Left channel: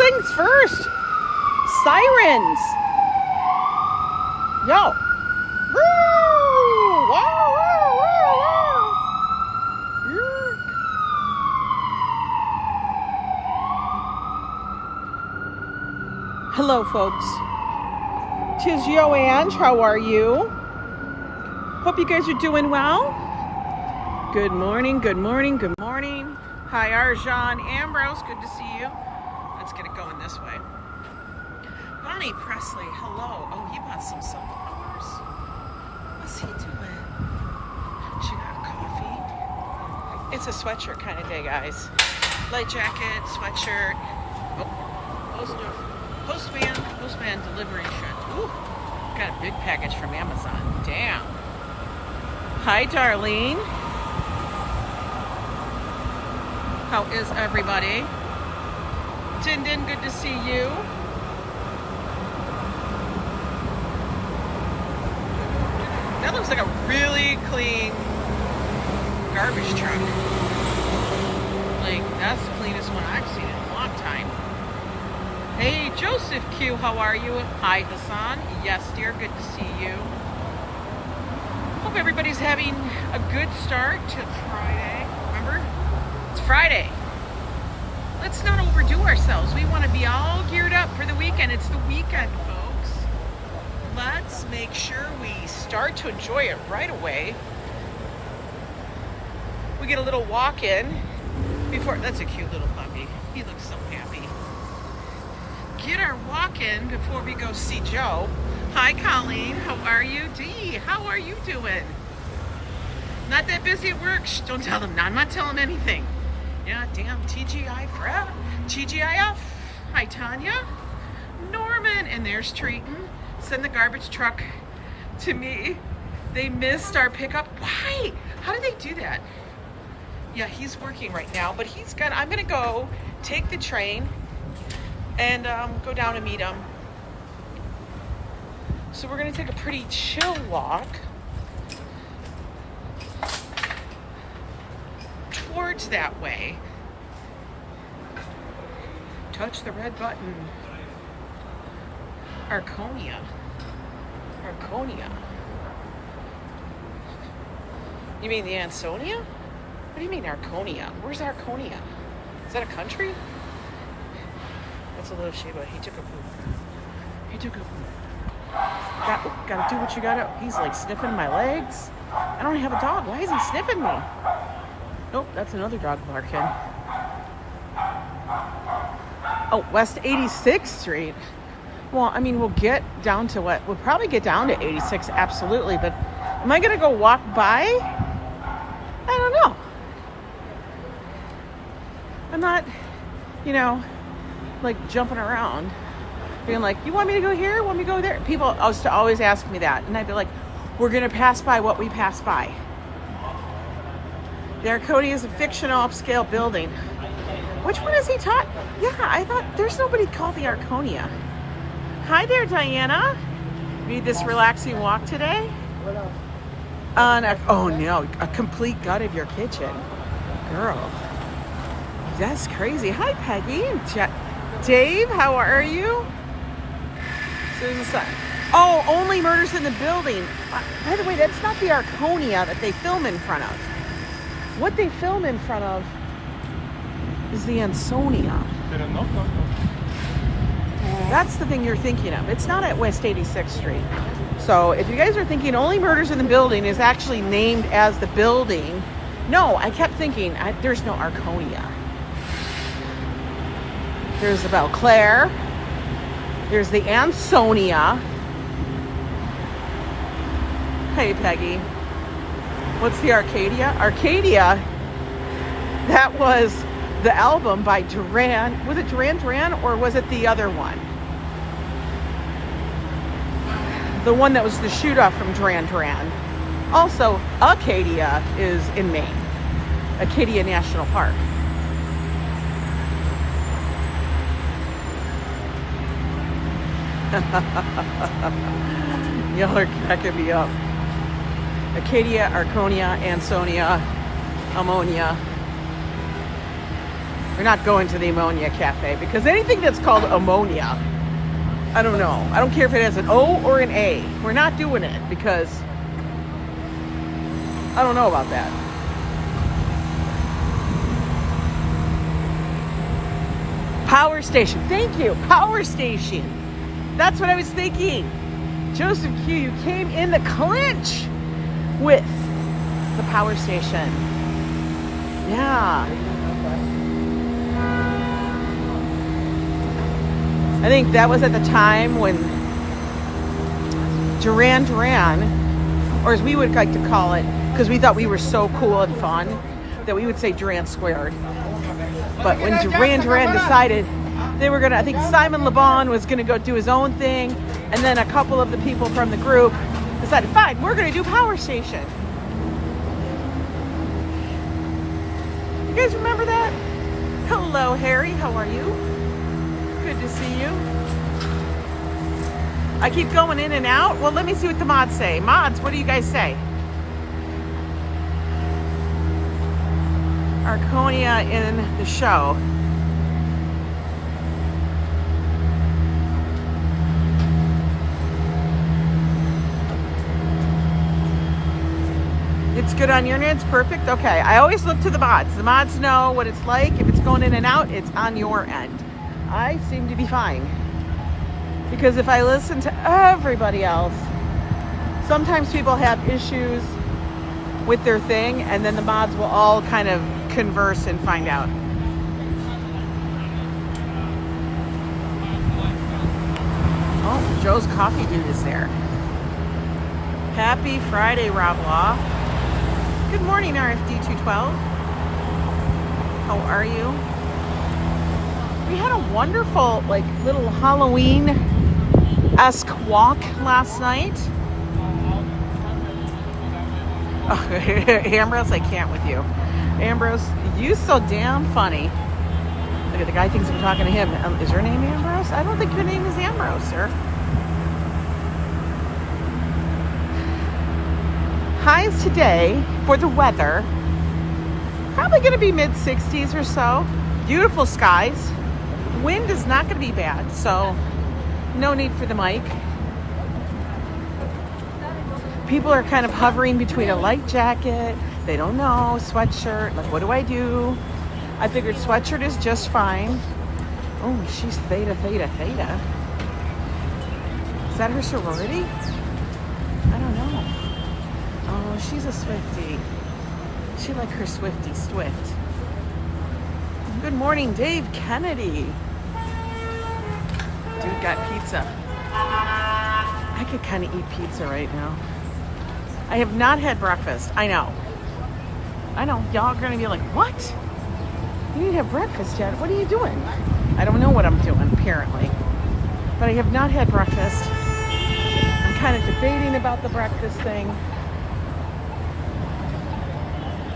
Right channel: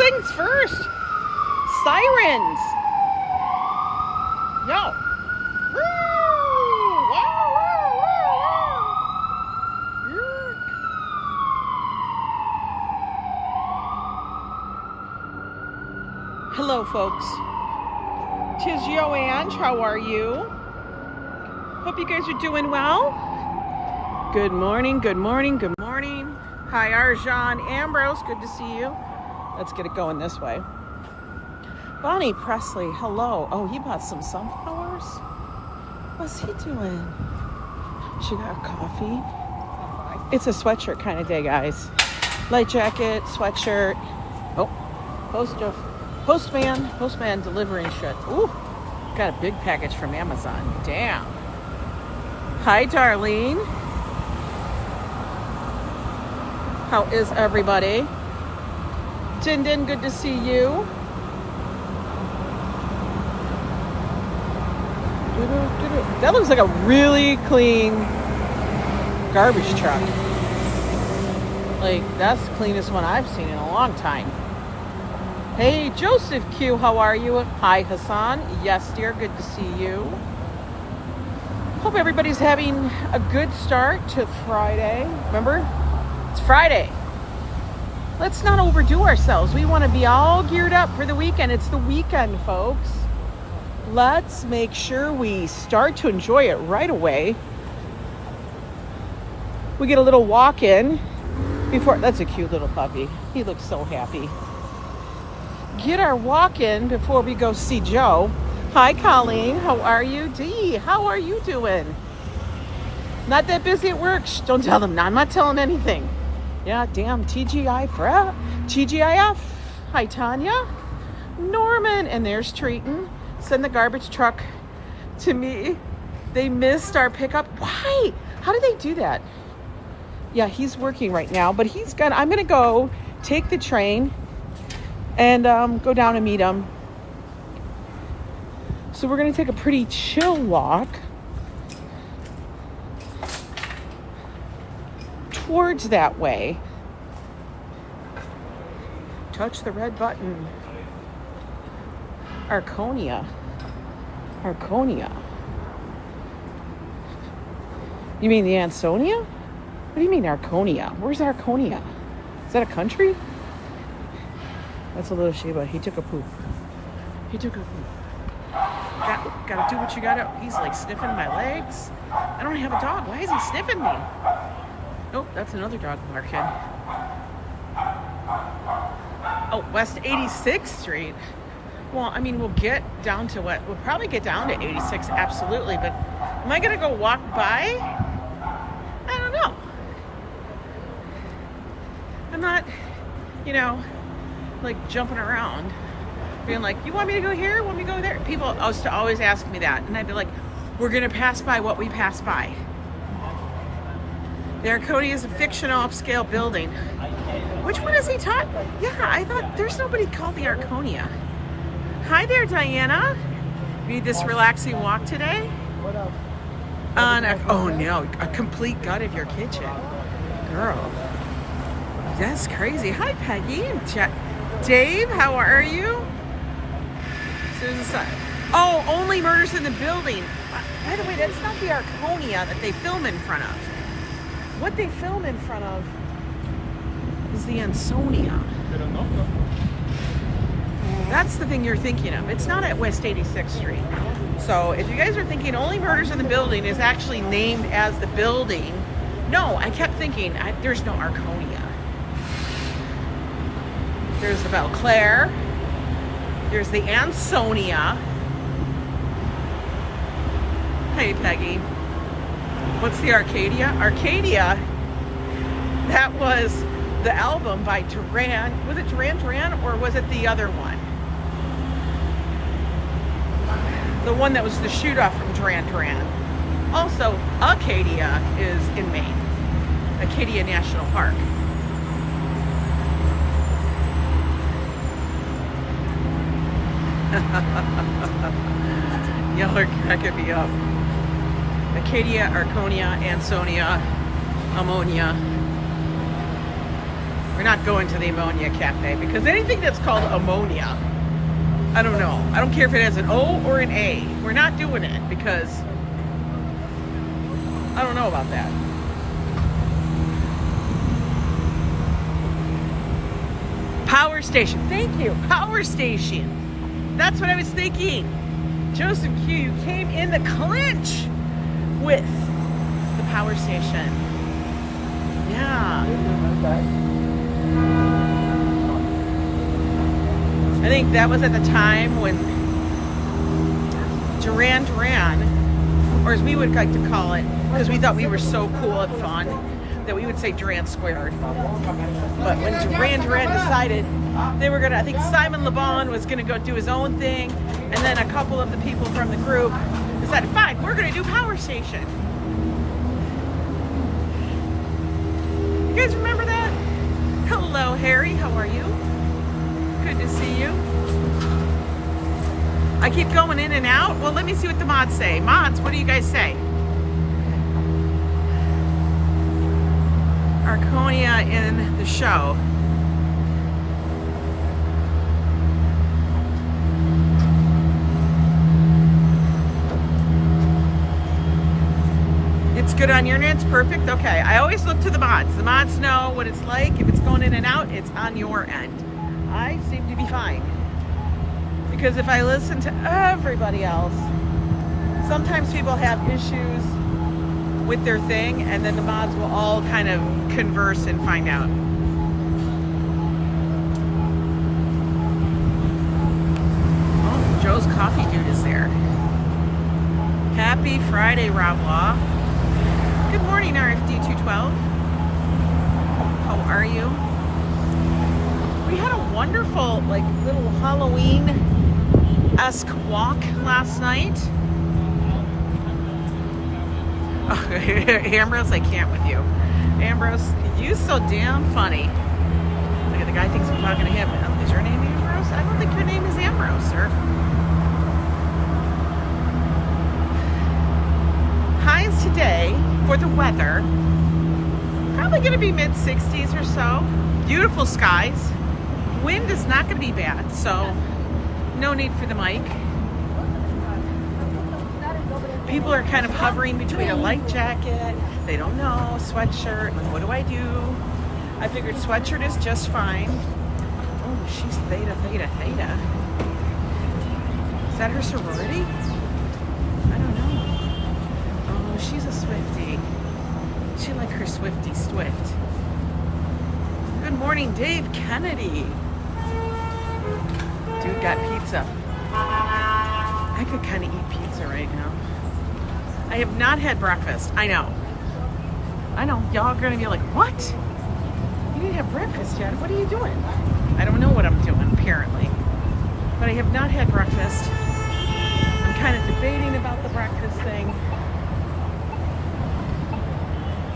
things first. Sirens. Yo. Woo! Wow, wow, wow, wow. Yuck. Hello, folks. 'Tis Yo Ang. How are you? Hope you guys are doing well. Good morning, good morning, good morning. Hi, Arjan Ambrose. Good to see you. Let's get it going this way. Bonnie Presley, hello. Oh, he bought some sunflowers? What's he doing? She got a coffee. It's a sweatshirt kind of day, guys. Light jacket, sweatshirt. Oh, postman delivering shit. Ooh, got a big package from Amazon. Damn. Hi, Darlene. How is everybody? Din Din, good to see you. That looks like a really clean garbage truck. Like, that's the cleanest one I've seen in a long time. Hey, Joseph Q, how are you? Hi, Hassan. Yes, dear, good to see you. Hope everybody's having a good start to Friday. Remember? It's Friday. Let's not overdo ourselves. We want to be all geared up for the weekend. It's the weekend, folks. Let's make sure we start to enjoy it right away. We get a little walk in before. That's a cute little puppy. He looks so happy. Get our walk in before we go see Joe. Hi, Colleen. How are you? Dee, how are you doing? Not that busy at work. Shh, don't tell them. No, I'm not telling anything. Yeah, damn, TGIF. Hi, Tanya. Norman, and there's Treaton. Send the garbage truck to me. They missed our pickup. Why? How did they do that? Yeah, he's working right now, but I'm gonna go take the train and go down and meet him. So we're gonna take a pretty chill walk towards that way. Touch the red button. Arconia. You mean the Ansonia? What do you mean Arconia? Where's Arconia? Is that a country? That's a little Shiba. He took a poop. Gotta do what you gotta. He's like sniffing my legs. I don't have a dog. Why is he sniffing me? Nope, that's another dog barking. Oh, West 86th Street. Well, I mean, we'll get down to what? We'll probably get down to 86, absolutely. But am I gonna go walk by? I don't know. I'm not, like jumping around, being like, you want me to go here? Want me to go there? People always ask me that. And I'd be like, we're gonna pass by what we pass by. The Arconia is a fictional upscale building. Which one is he talking? Yeah, I thought there's nobody called the Arconia. Hi there, Diana. Need this relaxing walk today? Oh no, a complete gut of your kitchen. Girl, that's crazy. Hi, Peggy. Dave, how are you? Oh, only Murders in the Building. By the way, that's not the Arconia that they film in front of. What they film in front of is the Ansonia. That's the thing you're thinking of. It's not at West 86th Street. So if you guys are thinking only Murders in the Building is actually named as the building, no, I kept thinking there's no Arconia. There's the Belclair. There's the Ansonia. Hey, Peggy. What's the Arcadia? Arcadia, that was the album by Duran. Was it Duran Duran or was it the other one? The one that was the shoot-off from Duran Duran. Also, Acadia is in Maine. Acadia National Park. Y'all are cracking me up. Acadia, Arconia, Ansonia, Ammonia. We're not going to the Ammonia Cafe because anything that's called ammonia, I don't know. I don't care if it has an O or an A. We're not doing it because I don't know about that. Power station. Thank you. Power station. That's what I was thinking. Joseph Q, you came in the clinch with the power station. Yeah. I think that was at the time when Duran Duran, or as we would like to call it, because we thought we were so cool and fun, that we would say Duran Squared. But when Duran Duran decided they were gonna, I think Simon Le Bon was gonna go do his own thing, and then a couple of the people from the group decided, fine, we're gonna do Power Station. You guys remember that? Hello, Harry, how are you? Good to see you. I keep going in and out. Well, let me see what the mods say. Mods, what do you guys say? Arconia in the show. It's good on your end, it's perfect. Okay, I always look to the mods. The mods know what it's like. If it's going in and out, it's on your end. I seem to be fine. Because if I listen to everybody else, sometimes people have issues with their thing, and then the mods will all kind of converse and find out. Oh, Joe's Coffee Dude is there. Happy Friday, Rob Law. Good morning, RFD212. How are you? We had a wonderful, like, little Halloween-esque walk last night. Oh, Ambrose, I can't with you. Ambrose, you so damn funny. Look at the guy thinks I'm talking to him. Is your name Ambrose? I don't think your name is Ambrose, sir. Highs today for the weather. Probably going to be mid-60s or so. Beautiful skies. Wind is not going to be bad, so no need for the mic. People are kind of hovering between a light jacket, they don't know, sweatshirt, like what do I do? I figured sweatshirt is just fine. Oh, she's Theta, Theta, Theta. Is that her sorority? I don't know. Oh, she's a Swiftie. She like her Swiftie Swift. Good morning, Dave Kennedy. Dude got pizza. I could kind of eat pizza right now. I have not had breakfast. I know. Y'all are going to be like, what? You didn't have breakfast yet. What are you doing? I don't know what I'm doing, apparently. But I have not had breakfast. I'm kind of debating about the breakfast thing.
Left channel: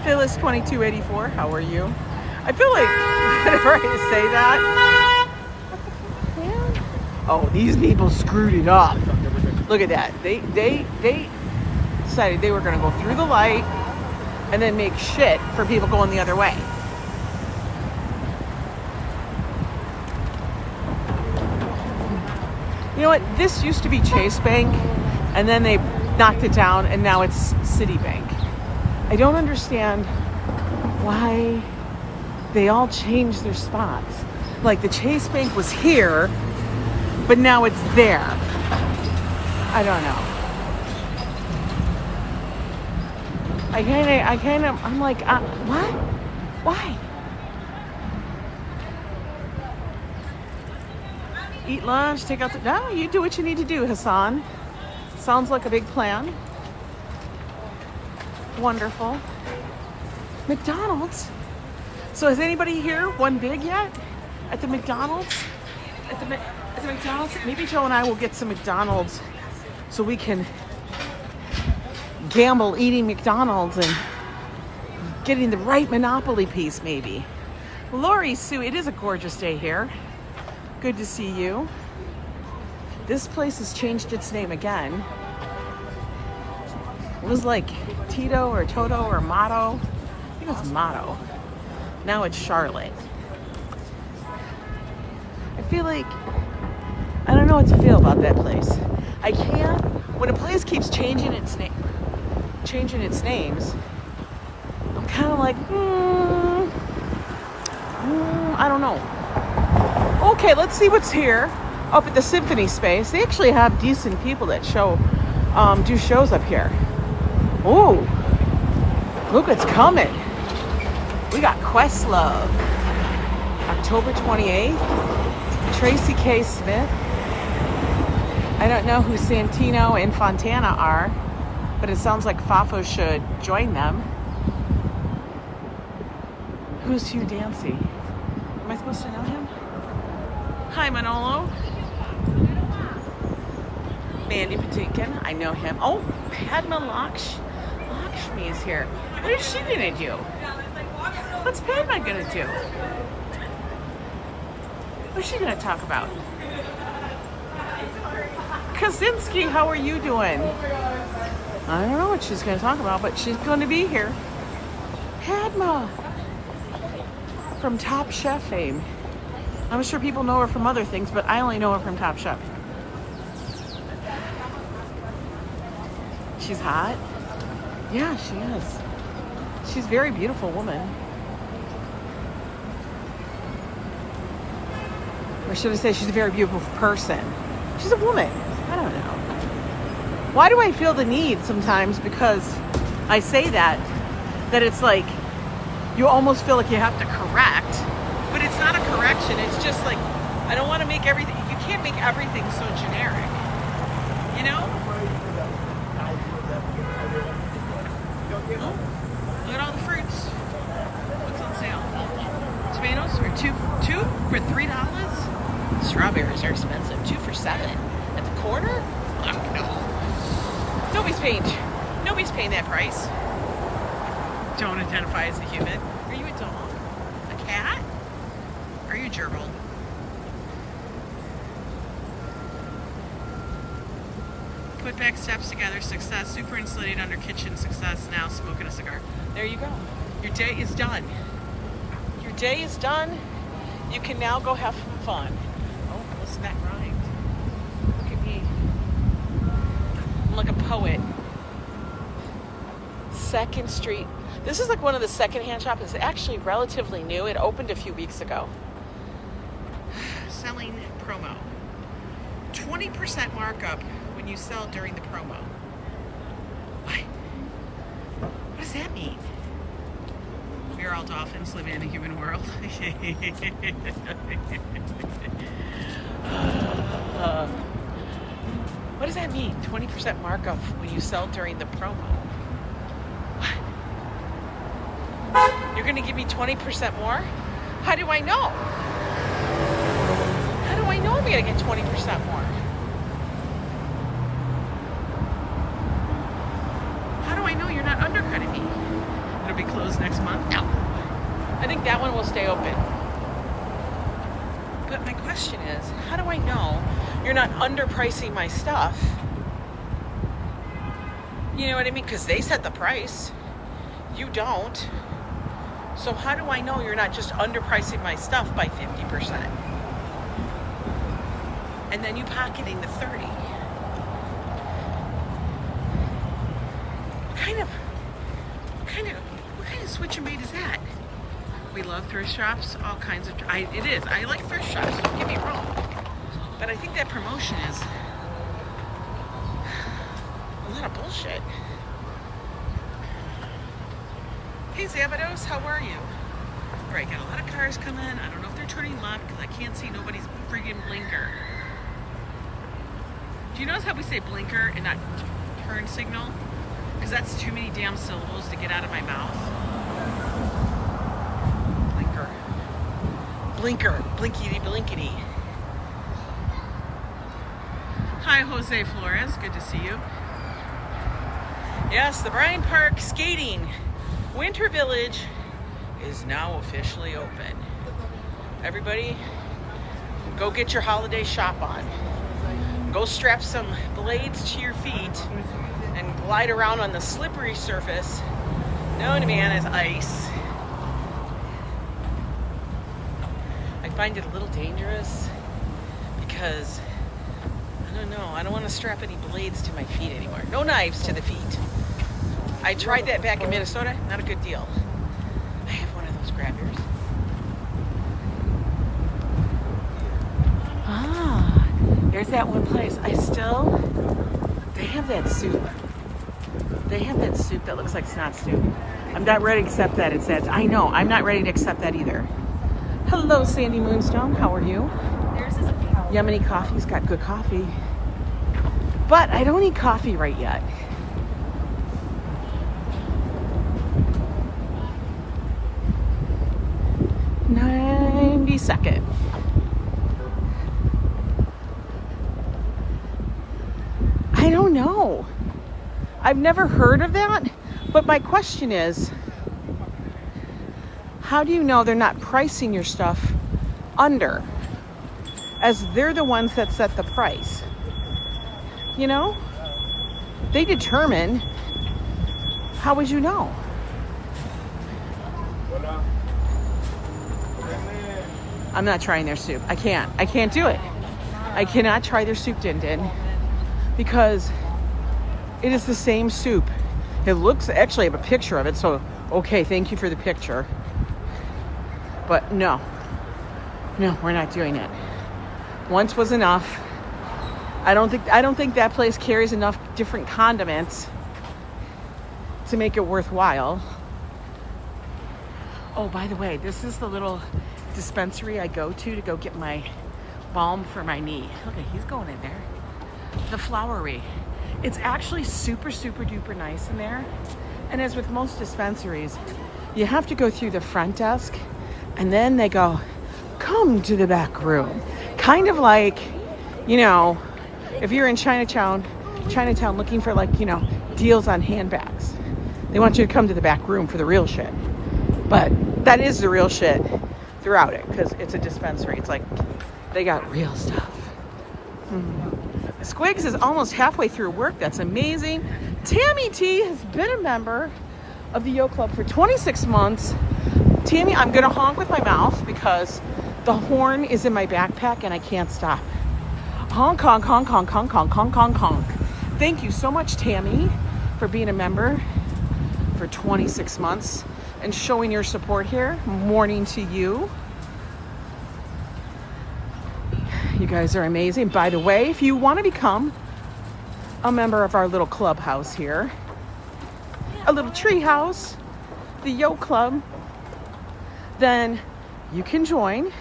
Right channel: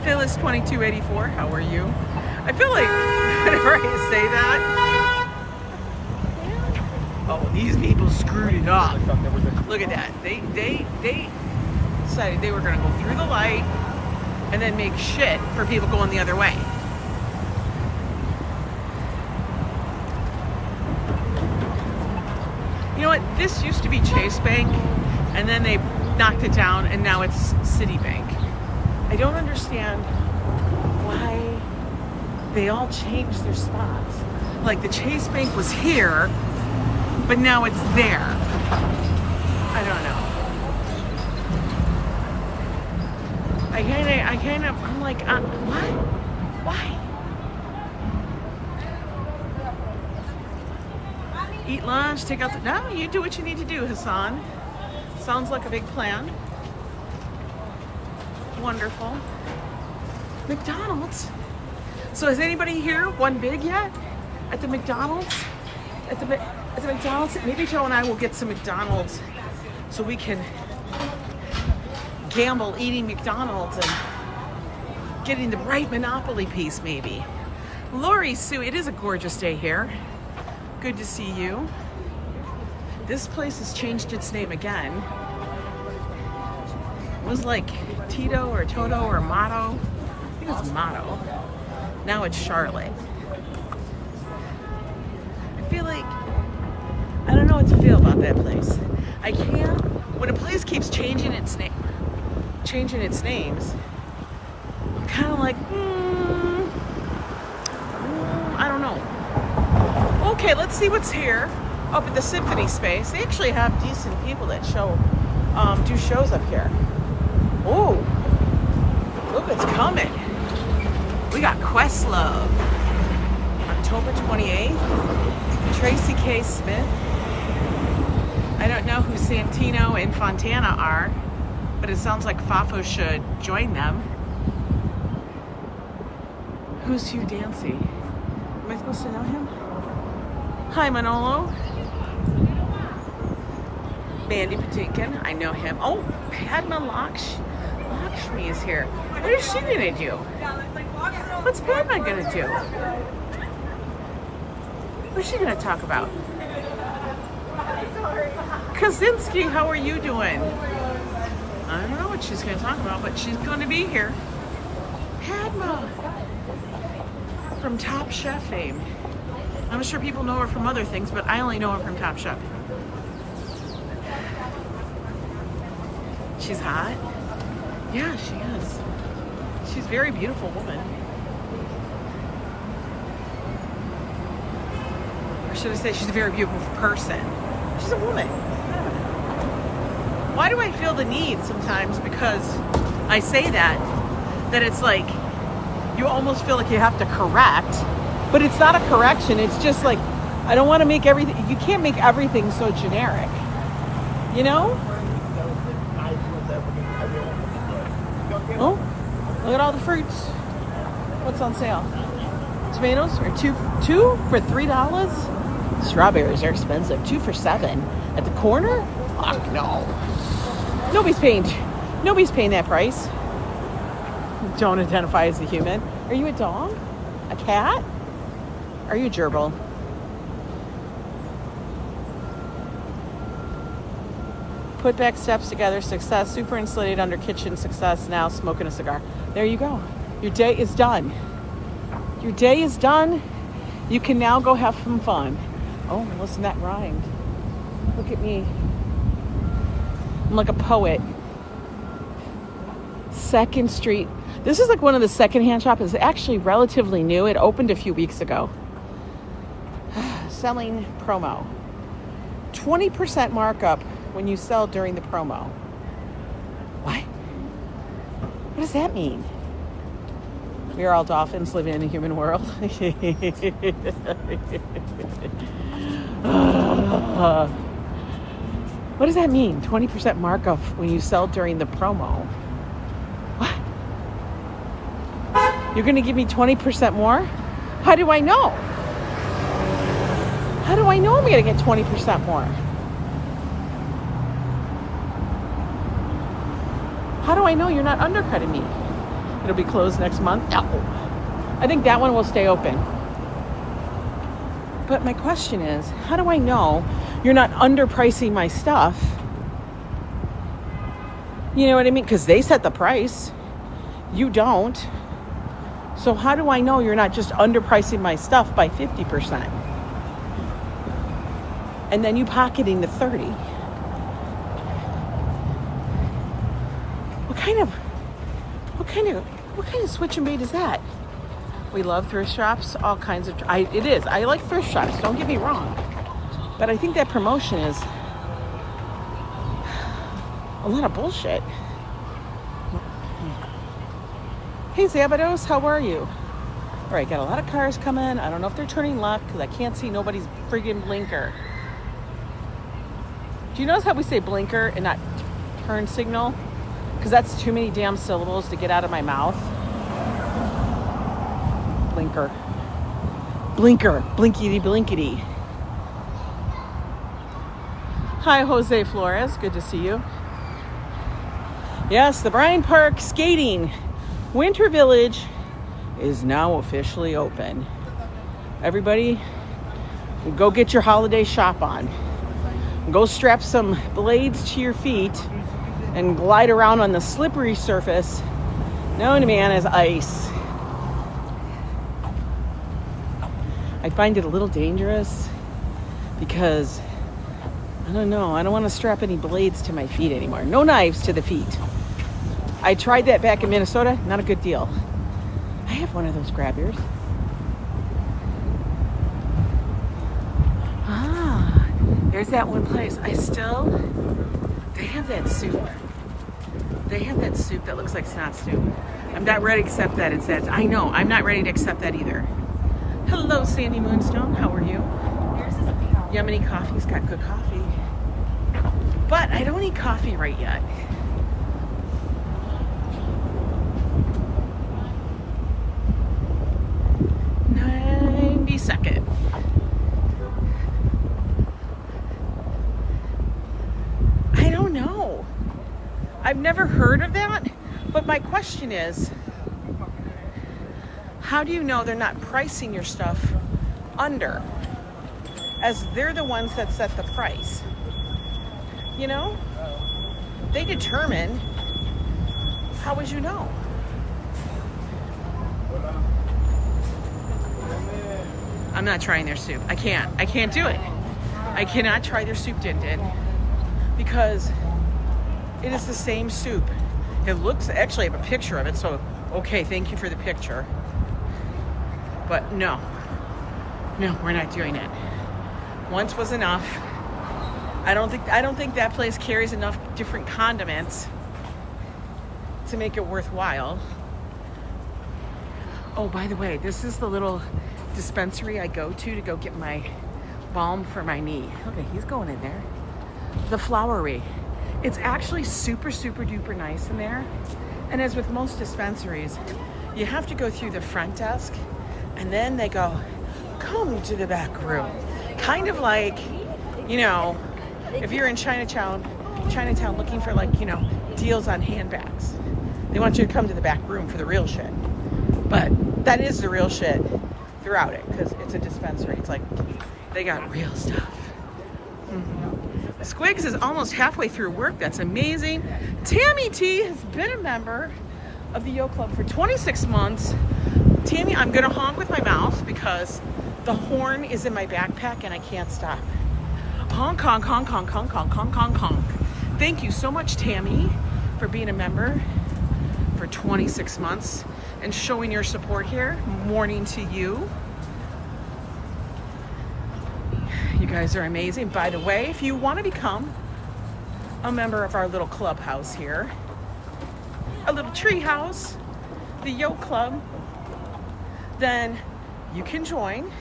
Phyllis 2284, how are you? I feel like whenever I say that, oh, these people screwed it up. Look at that. They decided they were going to go through the light and then make shit for people going the other way. You know what? This used to be Chase Bank, and then they knocked it down, and now it's Citibank. I don't understand why they all changed their spots. Like the Chase Bank was here, but now it's there. I don't know. I'm like, what? Why? Eat lunch, take out the, no, you do what you need to do, Hassan. Sounds like a big plan. Wonderful. McDonald's. So is anybody here one big yet? At the McDonald's? At the McDonald's? Maybe Joe and I will get some McDonald's so we can gamble eating McDonald's and getting the right Monopoly piece, maybe. Lori Sue, it is a gorgeous day here. Good to see you. This place has changed its name again. It was like Tito or Toto or Motto. I think it was Motto. Now it's Charlotte. feel like, I don't know what to feel about that place. I can't, when a place keeps changing its names, I'm kind of like, I don't know. Okay, let's see what's here up at the Symphony Space. They actually have decent people that do shows up here. Ooh, look, it's coming. We got Questlove, October 28th. Tracy K. Smith. I don't know who Santino and Fontana are, but it sounds like Fafo should join them. Who's Hugh Dancy? Am I supposed to know him? Hi, Manolo. Mandy Patinkin, I know him. Oh, Padma Lakshmi is here. What is she gonna do? What's Padma gonna do? What's she gonna talk about? Kosinski, how are you doing? I don't know what she's gonna talk about, but she's gonna be here. Padma from Top Chef fame. I'm sure people know her from other things, but I only know her from Top Chef. She's hot? Yeah, she is. She's a very beautiful woman. I shouldn't say she's a very beautiful person. She's a woman. Why do I feel the need sometimes, because I say that it's like you almost feel like you have to correct, but it's not a correction. It's just like, I don't want to make everything, you can't make everything so generic, you know? Oh, look at all the fruits. What's on sale? Tomatoes are two for $3. Strawberries are expensive, 2 for $7. At the corner? Fuck no. Nobody's paying that price. Don't identify as a human. Are you a dog? A cat? Are you a gerbil? Put back steps together, success, super insulated under kitchen, success, now smoking a cigar. There you go. Your day is done. Your day is done. You can now go have some fun. Oh, listen, that rhymed. Look at me. I'm like a poet. 2nd Street. This is like one of the secondhand shops. It's actually relatively new. It opened a few weeks ago. Selling promo. 20% markup when you sell during the promo. What? What does that mean? We're all dolphins living in a human world. What does that mean? 20% markup when you sell during the promo. What? You're going to give me 20% more? How do I know? How do I know I'm going to get 20% more? How do I know you're not undercutting me? It'll be closed next month. No. I think that one will stay open. But my question is, how do I know you're not underpricing my stuff? You know what I mean? Because they set the price. You don't. So how do I know you're not just underpricing my stuff by 50%? And then you pocketing the 30. What kind of switch and bait is that? We love thrift shops, all kinds of, it is. I like thrift shops, don't get me wrong. But I think that promotion is a lot of bullshit. Hey Szabados, how are you? All right, got a lot of cars coming. I don't know if they're turning left because I can't see nobody's friggin' blinker. Do you notice how we say blinker and not turn signal? Because that's too many damn syllables to get out of my mouth. Blinker. Blinker. Blinkety blinkety. Hi, Jose Flores. Good to see you. Yes, the Bryant Park Skating Winter Village is now officially open. Everybody, go get your holiday shop on. Go strap some blades to your feet and glide around on the slippery surface known to man as ice. I find it a little dangerous because I don't know. I don't want to strap any blades to my feet anymore. No knives to the feet. I tried that back in Minnesota. Not a good deal. I have one of those grab ears. Ah, there's that one place. They have that soup. They have that soup that looks like snot stew. I'm not ready to accept that. It's that. I know. I'm not ready to accept that either. Hello, Sandy Moonstone. How are you? Yemeni Coffee's got good coffee. But I don't eat coffee right yet. Second. I don't know. I've never heard of that, but my question is, how do you know they're not pricing your stuff under, as they're the ones that set the price? You know, they determine. How would you know? I'm not trying their soup. I can't do it. I cannot try their soup, Din Din, because it is the same soup. It looks, actually I have a picture of it, so okay, thank you for the picture. But no, we're not doing it. Once was enough. I don't think that place carries enough different condiments to make it worthwhile. Oh, by the way, this is the little dispensary I go to go get my balm for my knee. Okay, he's going in there. The Flowery. It's actually super, super duper nice in there. And as with most dispensaries, you have to go through the front desk and then they go, come to the back room. Kind of like, you know, if you're in Chinatown looking for, like, you know, deals on handbags. They want you to come to the back room for the real shit. But that is the real shit throughout it, because it's a dispensary. It's like they got real stuff. Squigs is almost halfway through work. That's amazing. Tammy T has been a member of the Yo Club for 26 months. Tammy, I'm gonna honk with my mouth because the horn is in my backpack and I can't stop. Honk, honk, honk, honk, honk, honk, honk, honk, honk. Thank you so much, Tammy, for being a member for 26 months and showing your support here. Morning to you. You guys are amazing. By the way, if you want to become a member of our little clubhouse here, a little tree house, the Yo Club, then you can join.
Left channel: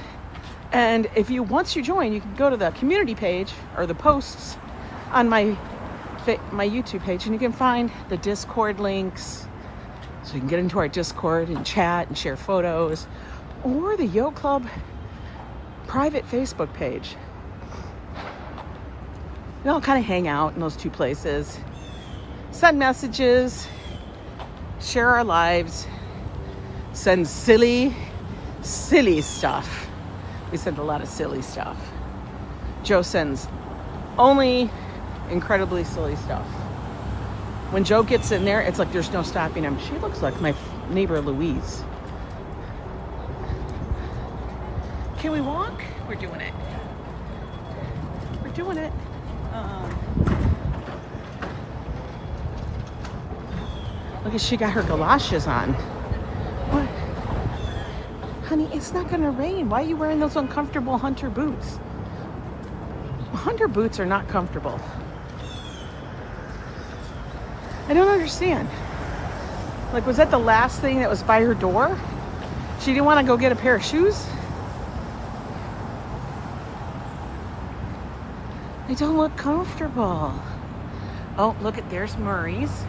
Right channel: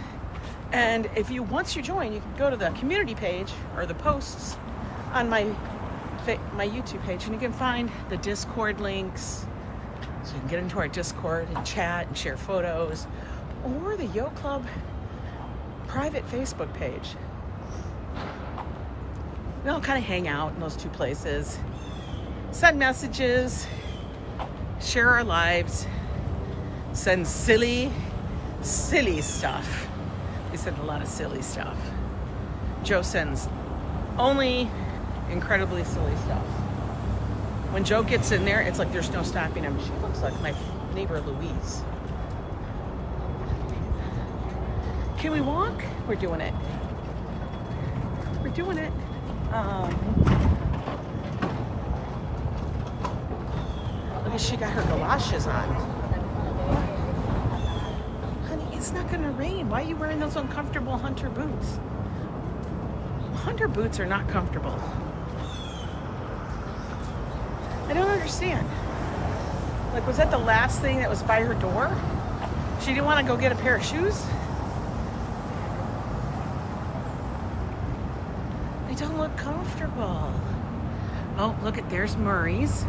And if you, once you join, you can go to the community page or the posts on my YouTube page, and you can find the Discord links. So you can get into our Discord and chat and share photos, or the Yo Club private Facebook page. And I'll kind of hang out in those two places, send messages, share our lives, send silly stuff. We send a lot of silly stuff. Joe sends only incredibly silly stuff. When Joe gets in there, it's like there's no stopping him. She looks like my neighbor Louise. Can we walk? We're doing it. We're doing it. Look, she got her galoshes on. Honey, it's not gonna rain. Why are you wearing those uncomfortable hunter boots? Hunter boots are not comfortable. I don't understand. Like, was that the last thing that was by her door? She didn't want to go get a pair of shoes? They don't look comfortable. Oh, look at, there's Murray's.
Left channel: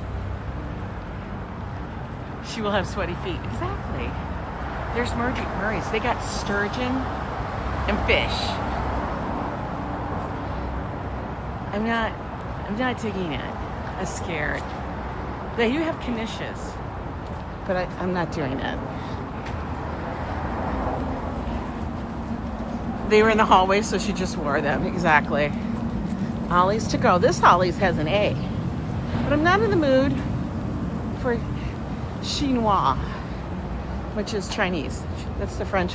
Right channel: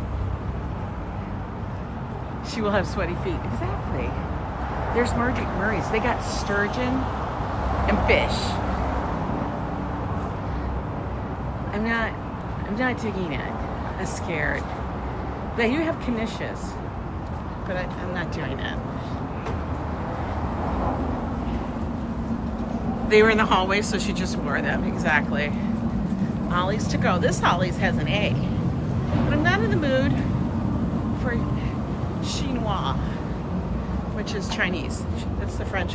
She will have sweaty feet. Exactly. There's Murray's. They got sturgeon and fish. I'm not digging it. I'm scared. They do have knishes, but I'm not doing that. They were in the hallway, so she just wore them. Exactly. Ollie's to go. This Ollie's has an A. But I'm not in the mood for chinois, which is Chinese. That's the French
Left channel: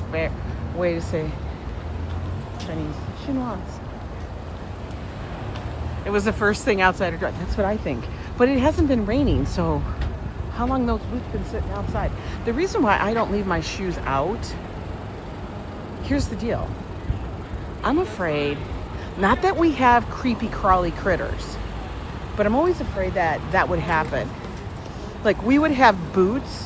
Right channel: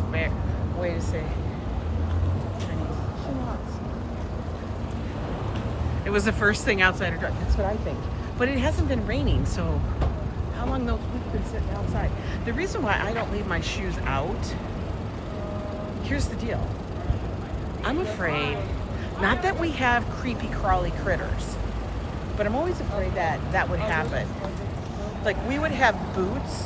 way to say She wants. It was the first thing outside her door. That's what I think. But it hasn't been raining, so how long those we've been sitting outside? The reason why I don't leave my shoes out, here's the deal. I'm afraid, not that we have creepy crawly critters, but I'm always afraid that that would happen. Like we would have boots.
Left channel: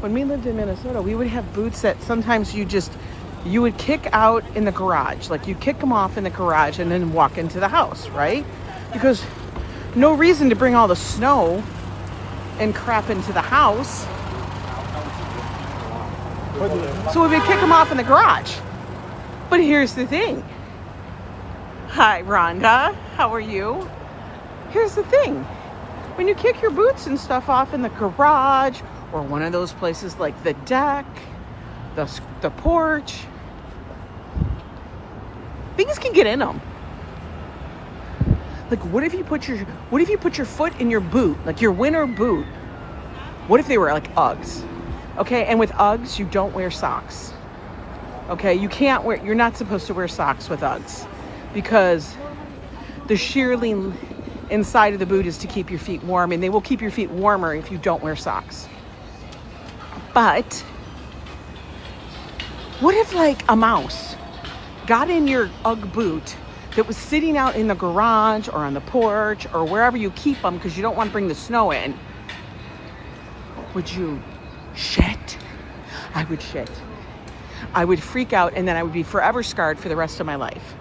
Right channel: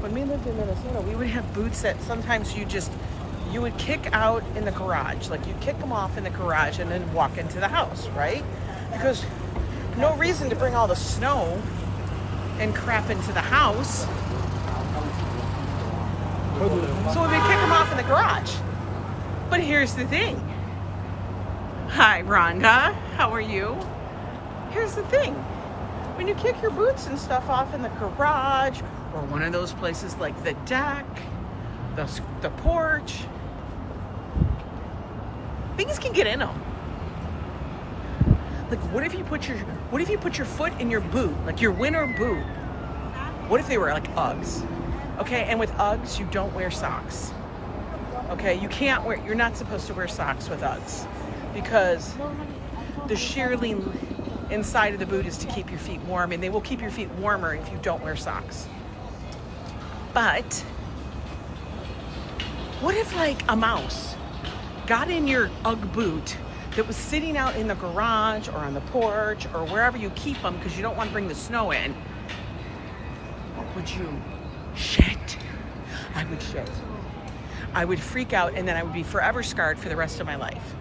When we lived in Minnesota, we would have boots that sometimes you would kick out in the garage. Like you kick them off in the garage and then walk into the house, right? Because no reason to bring all the snow and crap into the house. So we would kick them off in the garage. But here's the thing. Hi, Rhonda. How are you? Here's the thing. When you kick your boots and stuff off in the garage or one of those places like the deck, the porch, things can get in them. Like what if you put your foot in your boot, like your winter boot? What if they were like Uggs? Okay, and with Uggs, you don't wear socks. Okay, you're not supposed to wear socks with Uggs because the shearling inside of the boot is to keep your feet warm, and they will keep your feet warmer if you don't wear socks. But what if like a mouse got in your Ugg boot that was sitting out in the garage or on the porch or wherever you keep them because you don't want to bring the snow in? Would you shit? I would shit. I would freak out, and then I would be forever scarred for the rest of my life.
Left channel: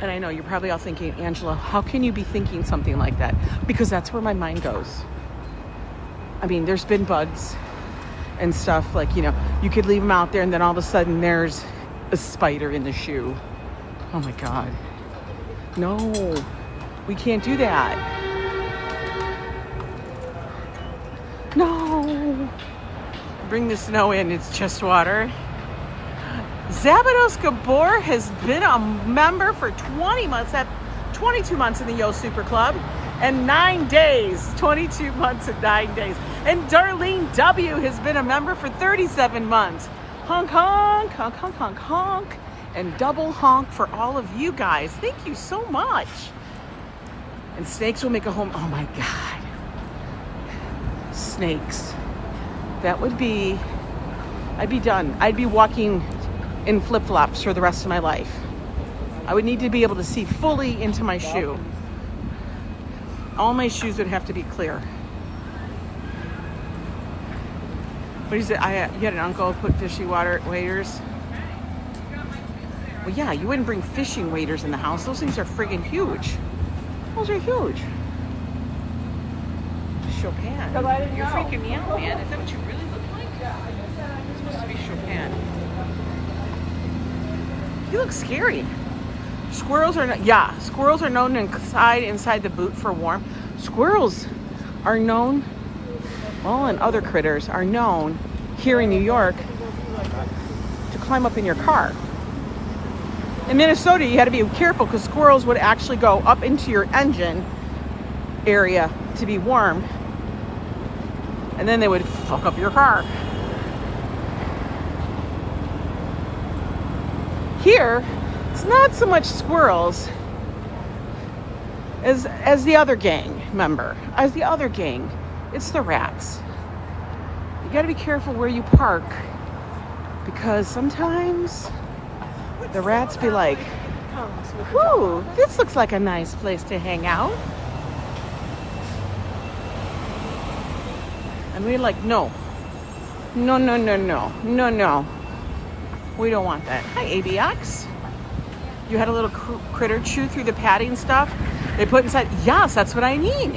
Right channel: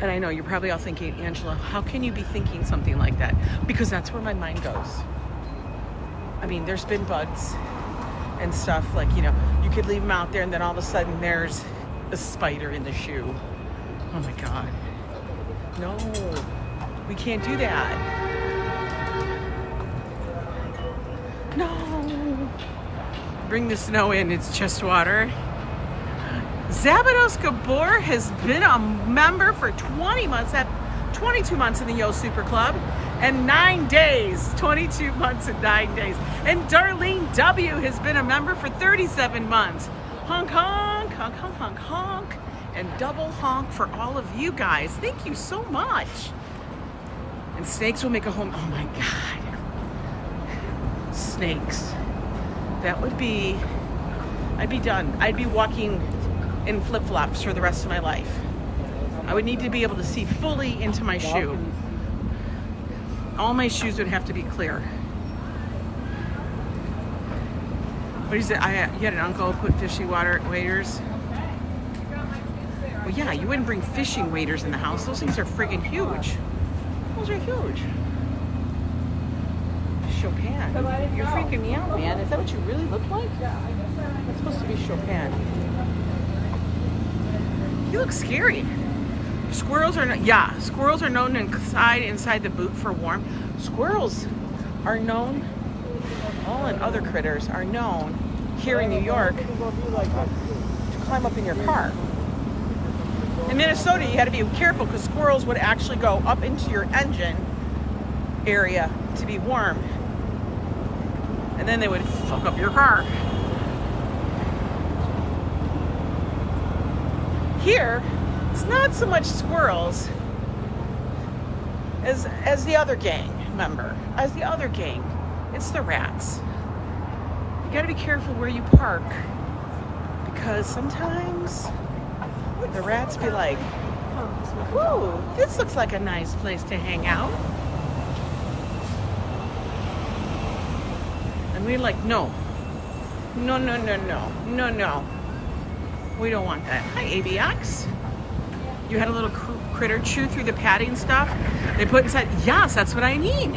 And I know you're probably all thinking, Angela, how can you be thinking something like that? Because that's where my mind goes. I mean, there's been bugs and stuff, like, you know, you could leave them out there and then all of a sudden there's a spider in the shoe. Oh my God. No, we can't do that. No. Bring the snow in, it's just water. Szabados Gábor has been a member for 20 months, 22 months in the Yo Super Club, and 9 days, 22 months and 9 days. And Darlene W has been a member for 37 months. Honk, honk, honk, honk, honk, honk, and double honk for all of you guys. Thank you so much. And snakes will make a home. Oh my God. Snakes. That would be, I'd be done. I'd be walking in flip-flops for the rest of my life. I would need to be able to see fully into my shoe. All my shoes would have to be clear. What is it? You had an uncle who put fishing waders. Well, yeah, you wouldn't bring fishing waders in the house. Those things are friggin' huge. Those are huge. Chopin. You're freaking me out, man. Is that what you really look like? It's supposed to be Chopin. You look scary. Squirrels are known inside the boot for warm. Squirrels are known, well, and other critters are known here in New York to climb up in your car. In Minnesota, you had to be careful because squirrels would actually go up into your engine area to be warm, and then they would fuck up your car. Here, it's not so much squirrels as the other gang member. As the other gang, it's the rats. You gotta be careful where you park because sometimes the rats be like, whoa, this looks like a nice place to hang out. And we're like, no. No, no, no, no, no, no. We don't want that. Hi, ABX. You had a little critter chew through the padding stuff they put inside. Yes, that's what I need.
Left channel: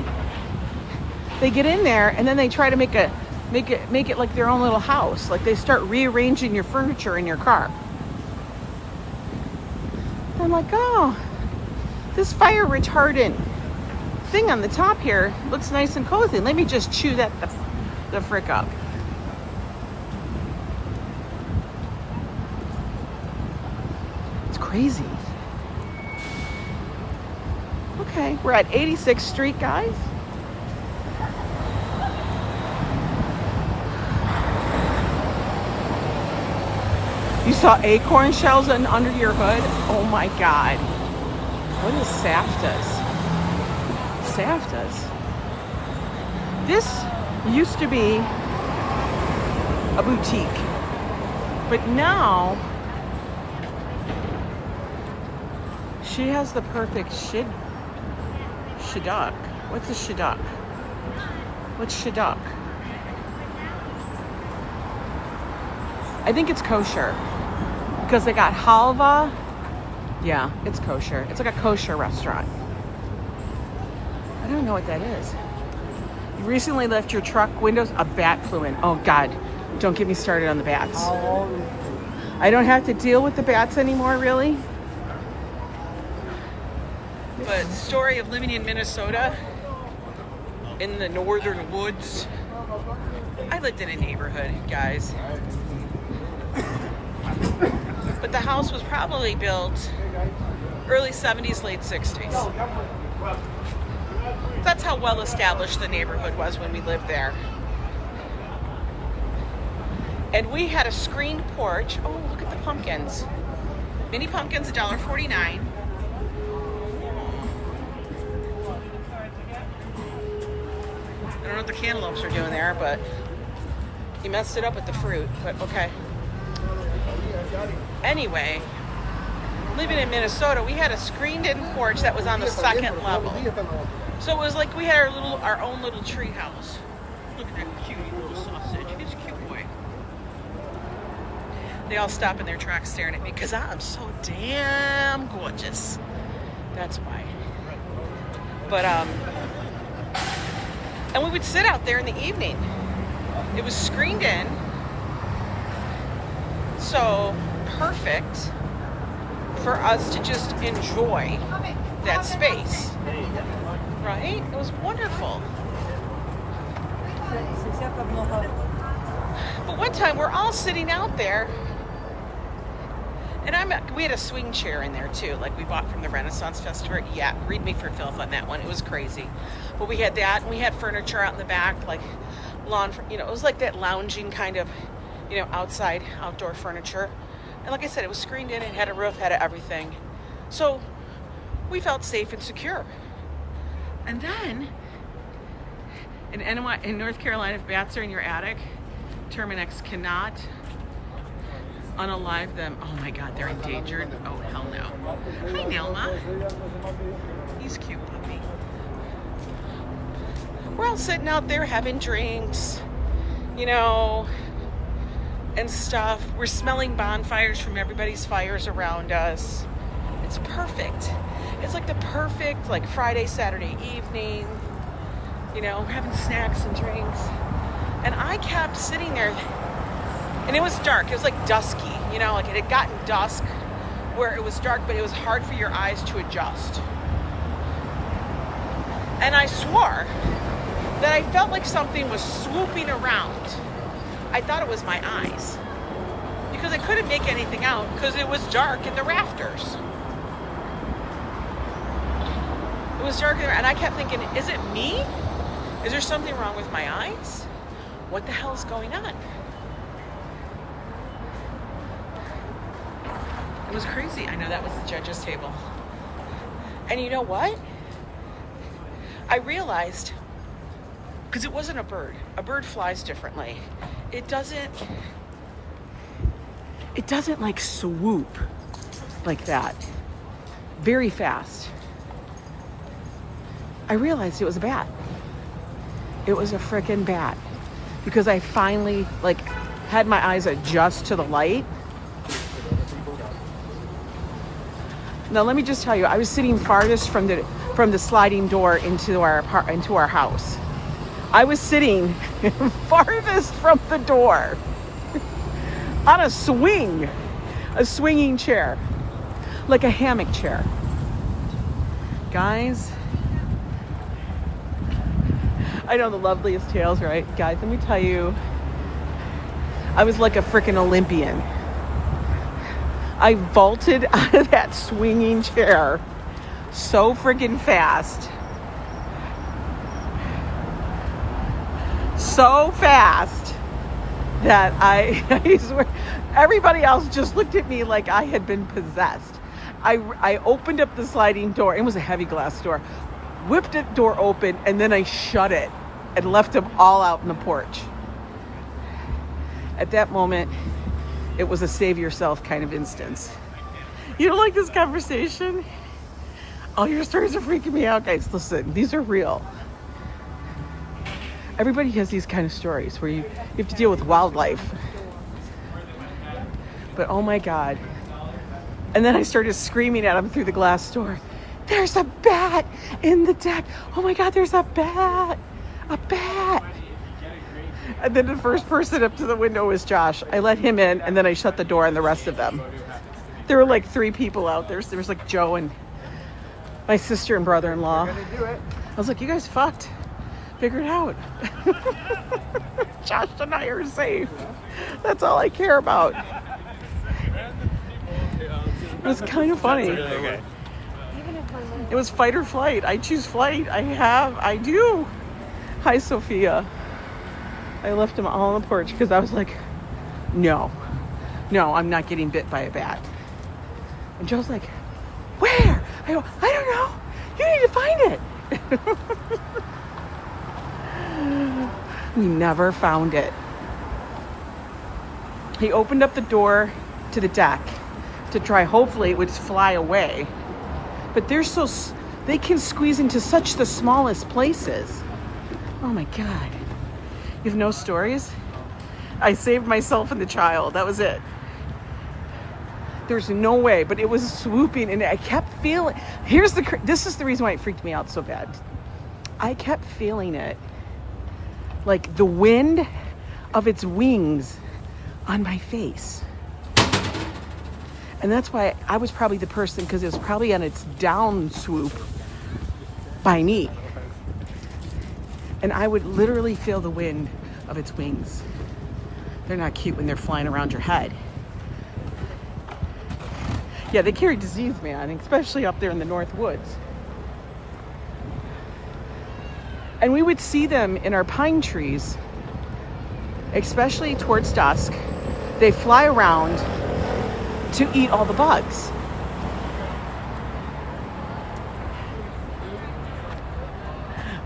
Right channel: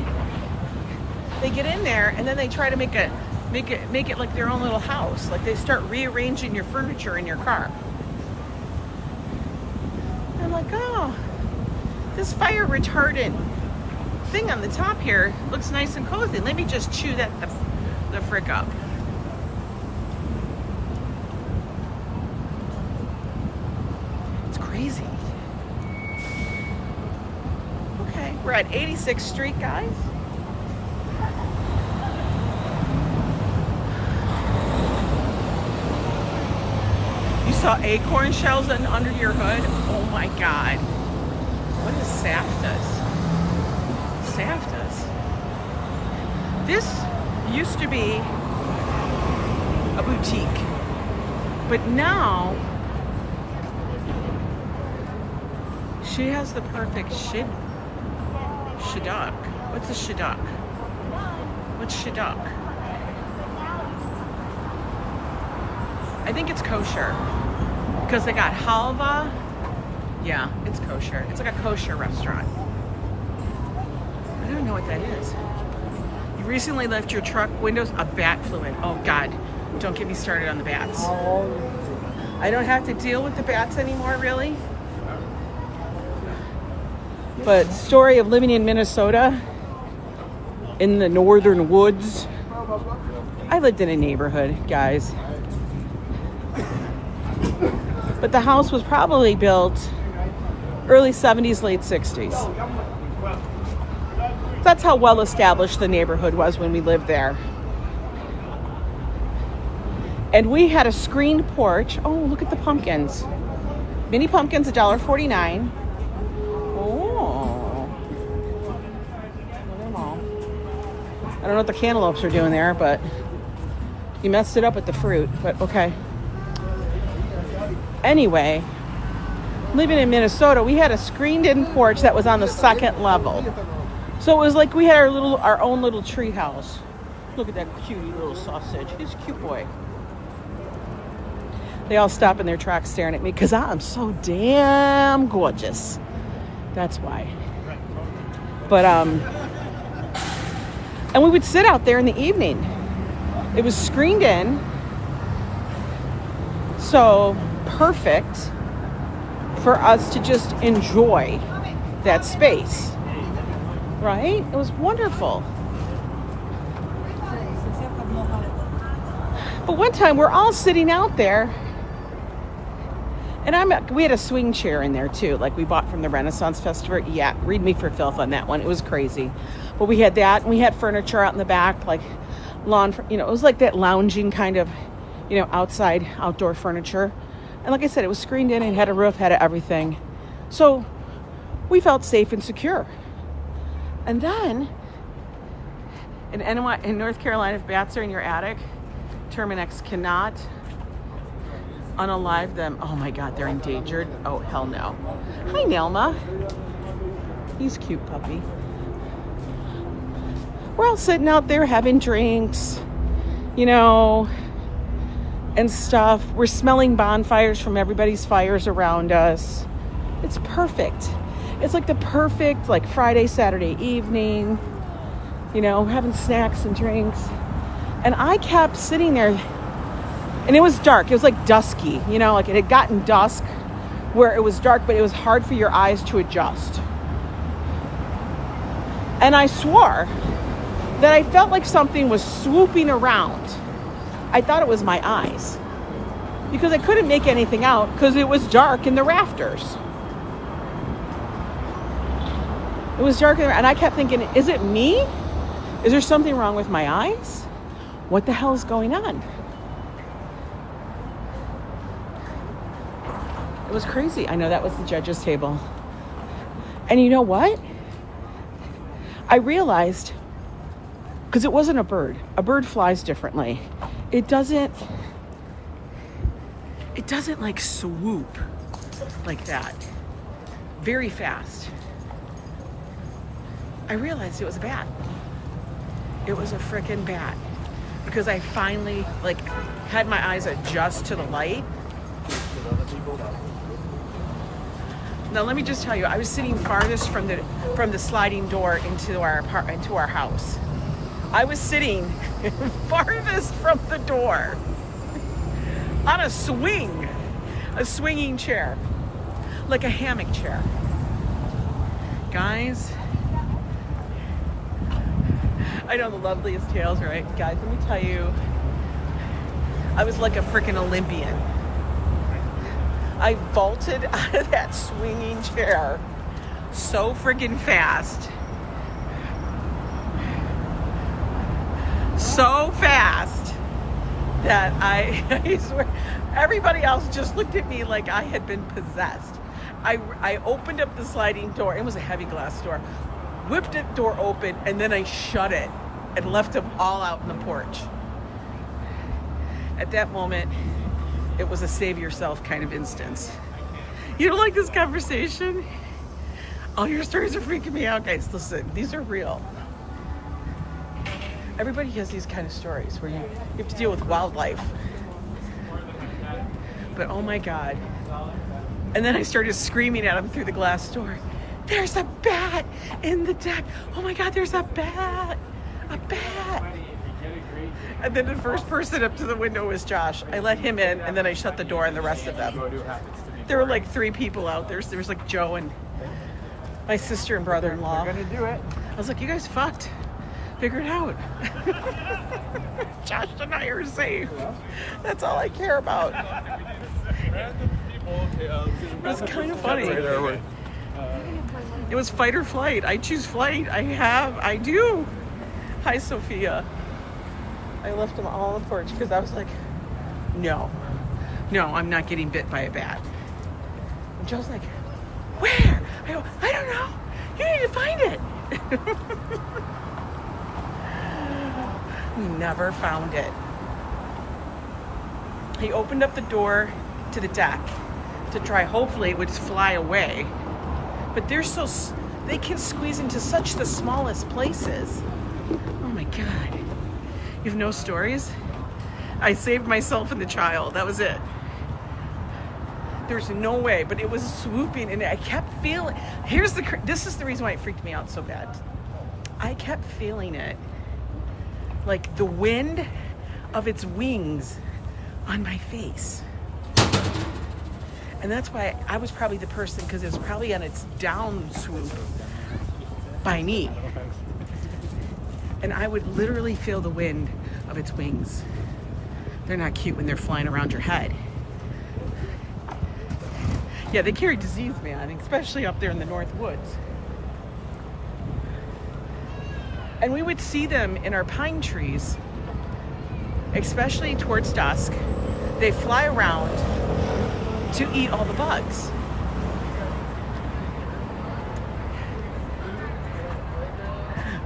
They get in there and then they try to make it like their own little house. Like they start rearranging your furniture in your car. I'm like, oh, this fire retardant thing on the top here looks nice and cozy. Let me just chew that the frick up. It's crazy. Okay, we're at 86th Street, guys. You saw acorn shells under your hood? Oh my God. What is Sabbados? Sabbados. This used to be a boutique, but now she has the perfect shidduch. What's a shidduch? What's shidduch? I think it's kosher because they got halva. Yeah, it's kosher. It's like a kosher restaurant. I don't know what that is. You recently left your truck windows. A bat flew in. Oh God, don't get me started on the bats. I don't have to deal with the bats anymore, really. But story of living in Minnesota, in the northern woods. I lived in a neighborhood, guys. But the house was probably built early 70s, late 60s. That's how well established the neighborhood was when we lived there. And we had a screened porch. Oh, look at the pumpkins. Mini pumpkins, $1.49. Oh. I don't know what the cantaloupes are doing there, but you messed it up with the fruit, but okay. Anyway, living in Minnesota, we had a screened-in porch that was on the second level. So it was like we had our own little tree house. Look at that cute little sausage. He's a cute boy. They all stop in their tracks staring at me because I'm so damn gorgeous. That's why. But and we would sit out there in the evening. It was screened in. So perfect for us to just enjoy that space, right? It was wonderful. But one time we're all sitting out there, and we had a swing chair in there too, like we bought from the Renaissance Festival. Yeah, read me for filth on that one. It was crazy. But we had that, and we had furniture out in the back, like lawn, it was like that lounging kind of, outside, outdoor furniture. And like I said, it was screened in and had a roof, had everything. So we felt safe and secure. And then in North Carolina, if bats are in your attic, Terminex cannot unalive them. Oh my God, they're endangered. Oh, hell no. Hi, Nelma. He's cute, puppy. We're all sitting out there having drinks, and stuff. We're smelling bonfires from everybody's fires around us. It's perfect. It's like the perfect, Friday, Saturday evening, having snacks and drinks. And I kept sitting there, and it was dark. It was like dusky, it had gotten dusk where it was dark, but it was hard for your eyes to adjust. And I swore that I felt like something was swooping around. I thought it was my eyes because I couldn't make anything out because it was dark in the rafters. It was dark, and I kept thinking, is it me? Is there something wrong with my eyes? What the hell is going on? It was crazy. I know that was the judge's table. And you know what? I realized, because it wasn't a bird. A bird flies differently. It doesn't swoop like that. Very fast. I realized it was a bat. It was a frickin' bat. Because I finally had my eyes adjust to the light. Now let me just tell you, I was sitting farthest from the sliding door into our house. I was sitting farthest from the door on a swinging chair, like a hammock chair. Guys, I know the loveliest tales, right? Guys, let me tell you, I was like a freaking Olympian. I vaulted out of that swinging chair so freaking fast. So fast that I swear, everybody else just looked at me like I had been possessed. I opened up the sliding door. It was a heavy glass door. Whipped the door open, and then I shut it and left them all out in the porch. At that moment, it was a save yourself kind of instance. You don't like this conversation? All your stories are freaking me out, guys. Listen, these are real. Everybody has these kind of stories where you have to deal with wildlife. But oh my God. And then I started screaming at him through the glass door. There's a bat in the deck. Oh my God, there's a bat. A bat. And then the first person up to the window was Josh. I let him in, and then I shut the door on the rest of them. There were like 3 people out there. So there was like Joe and my sister and brother-in-law. I was like, you guys fucked. Figure it out. Josh and I are safe. That's all I care about. It was kind of funny. It was fight or flight. I choose flight. I do. Hi, Sofia. I left them all on the porch because I was like, no, I'm not getting bit by a bat. And Joe's like, where? I go, I don't know. You need to find it. He never found it. He opened up the door to the deck to try, hopefully it would fly away. But they can squeeze into such the smallest places. Oh my God. You have no stories? I saved myself and the child. That was it. There's no way, but it was swooping and I kept feeling, this is the reason why it freaked me out so bad. I kept feeling it, like the wind of its wings on my face. And that's why I was probably the person, because it was probably on its down swoop by me. And I would literally feel the wind of its wings. They're not cute when they're flying around your head. Yeah, they carry disease, man, especially up there in the North Woods. And we would see them in our pine trees, especially towards dusk. They fly around to eat all the bugs.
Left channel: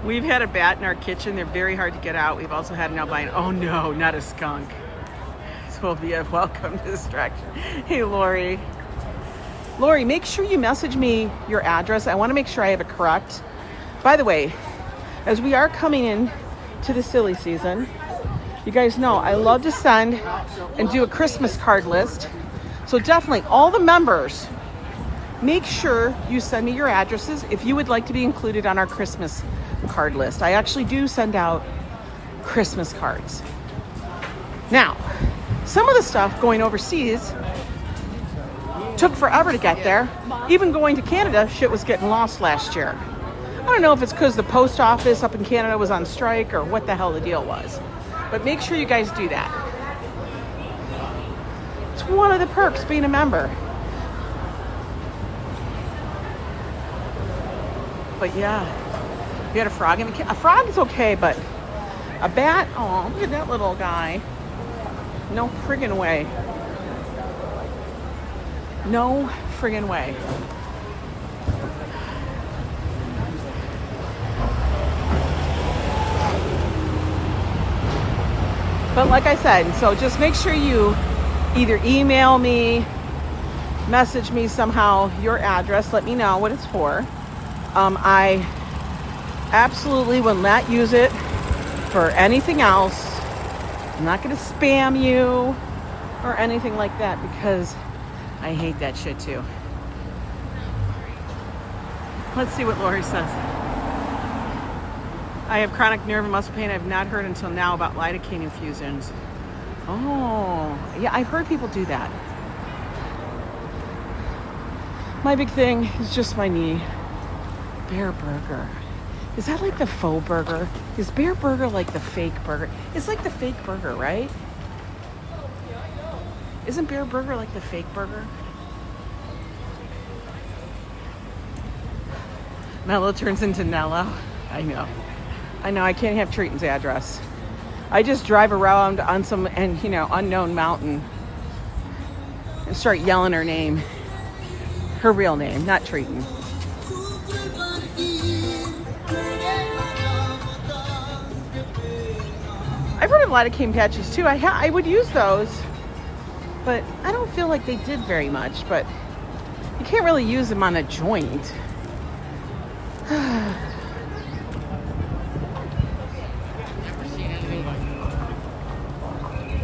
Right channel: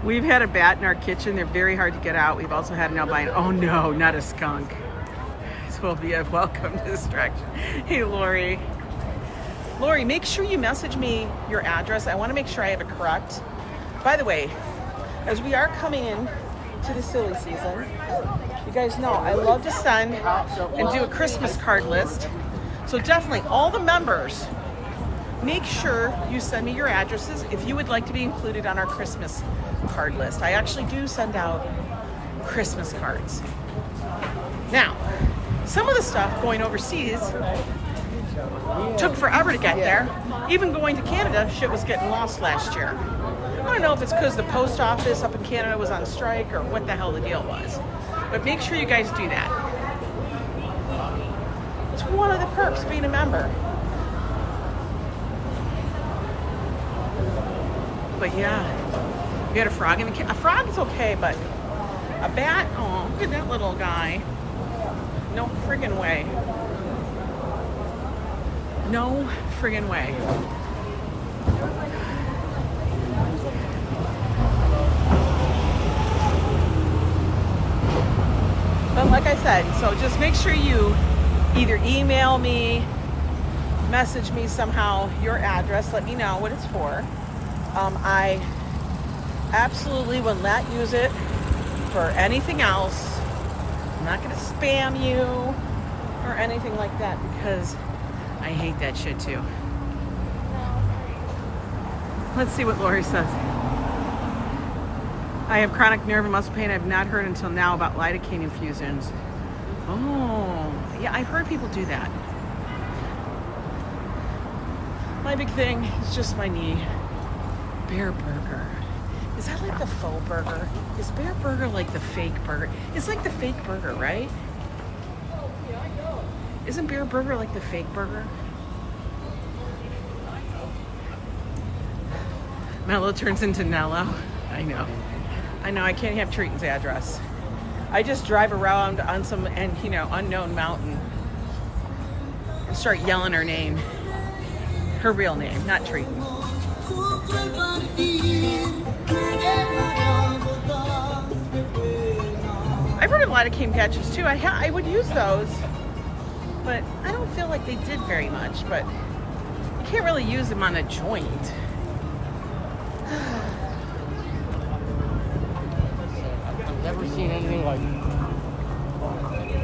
We've had a bat in our kitchen. They're very hard to get out. We've also had an albino. Oh no, not a skunk. Sofia, welcome to this direction. Hey, Lori. Lori, make sure you message me your address. I want to make sure I have it correct. By the way, as we are coming in to the silly season, you guys know I love to send and do a Christmas card list. So definitely, all the members, make sure you send me your addresses if you would like to be included on our Christmas card list. I actually do send out Christmas cards. Now, some of the stuff going overseas took forever to get there. Even going to Canada, shit was getting lost last year. I don't know if it's because the post office up in Canada was on strike or what the hell the deal was. But make sure you guys do that. It's one of the perks being a member. But yeah, you had a frog in the a frog's okay, but a bat, oh, look at that little guy. No friggin' way. No friggin' way. But like I said, so just make sure you either email me, message me somehow your address, let me know what it's for. I absolutely will not use it for anything else. I'm not going to spam you or anything like that because I hate that shit too. Let's see what Lori says. I have chronic nerve and muscle pain. I've not heard until now about lidocaine infusions. Oh, yeah, I've heard people do that. My big thing is just my knee. Bear burger. Is that like the faux burger? Is bear burger like the fake burger? It's like the fake burger, right? Isn't bear burger like the fake burger? Mello turns into Nello. I know, I can't have Triton's address. I just drive around on some, and you know, unknown mountain. I start yelling her name. Her real name, not Triton. I've heard of a lot of cane catches too. I would use those, but I don't feel like they did very much. But you can't really use them on a joint.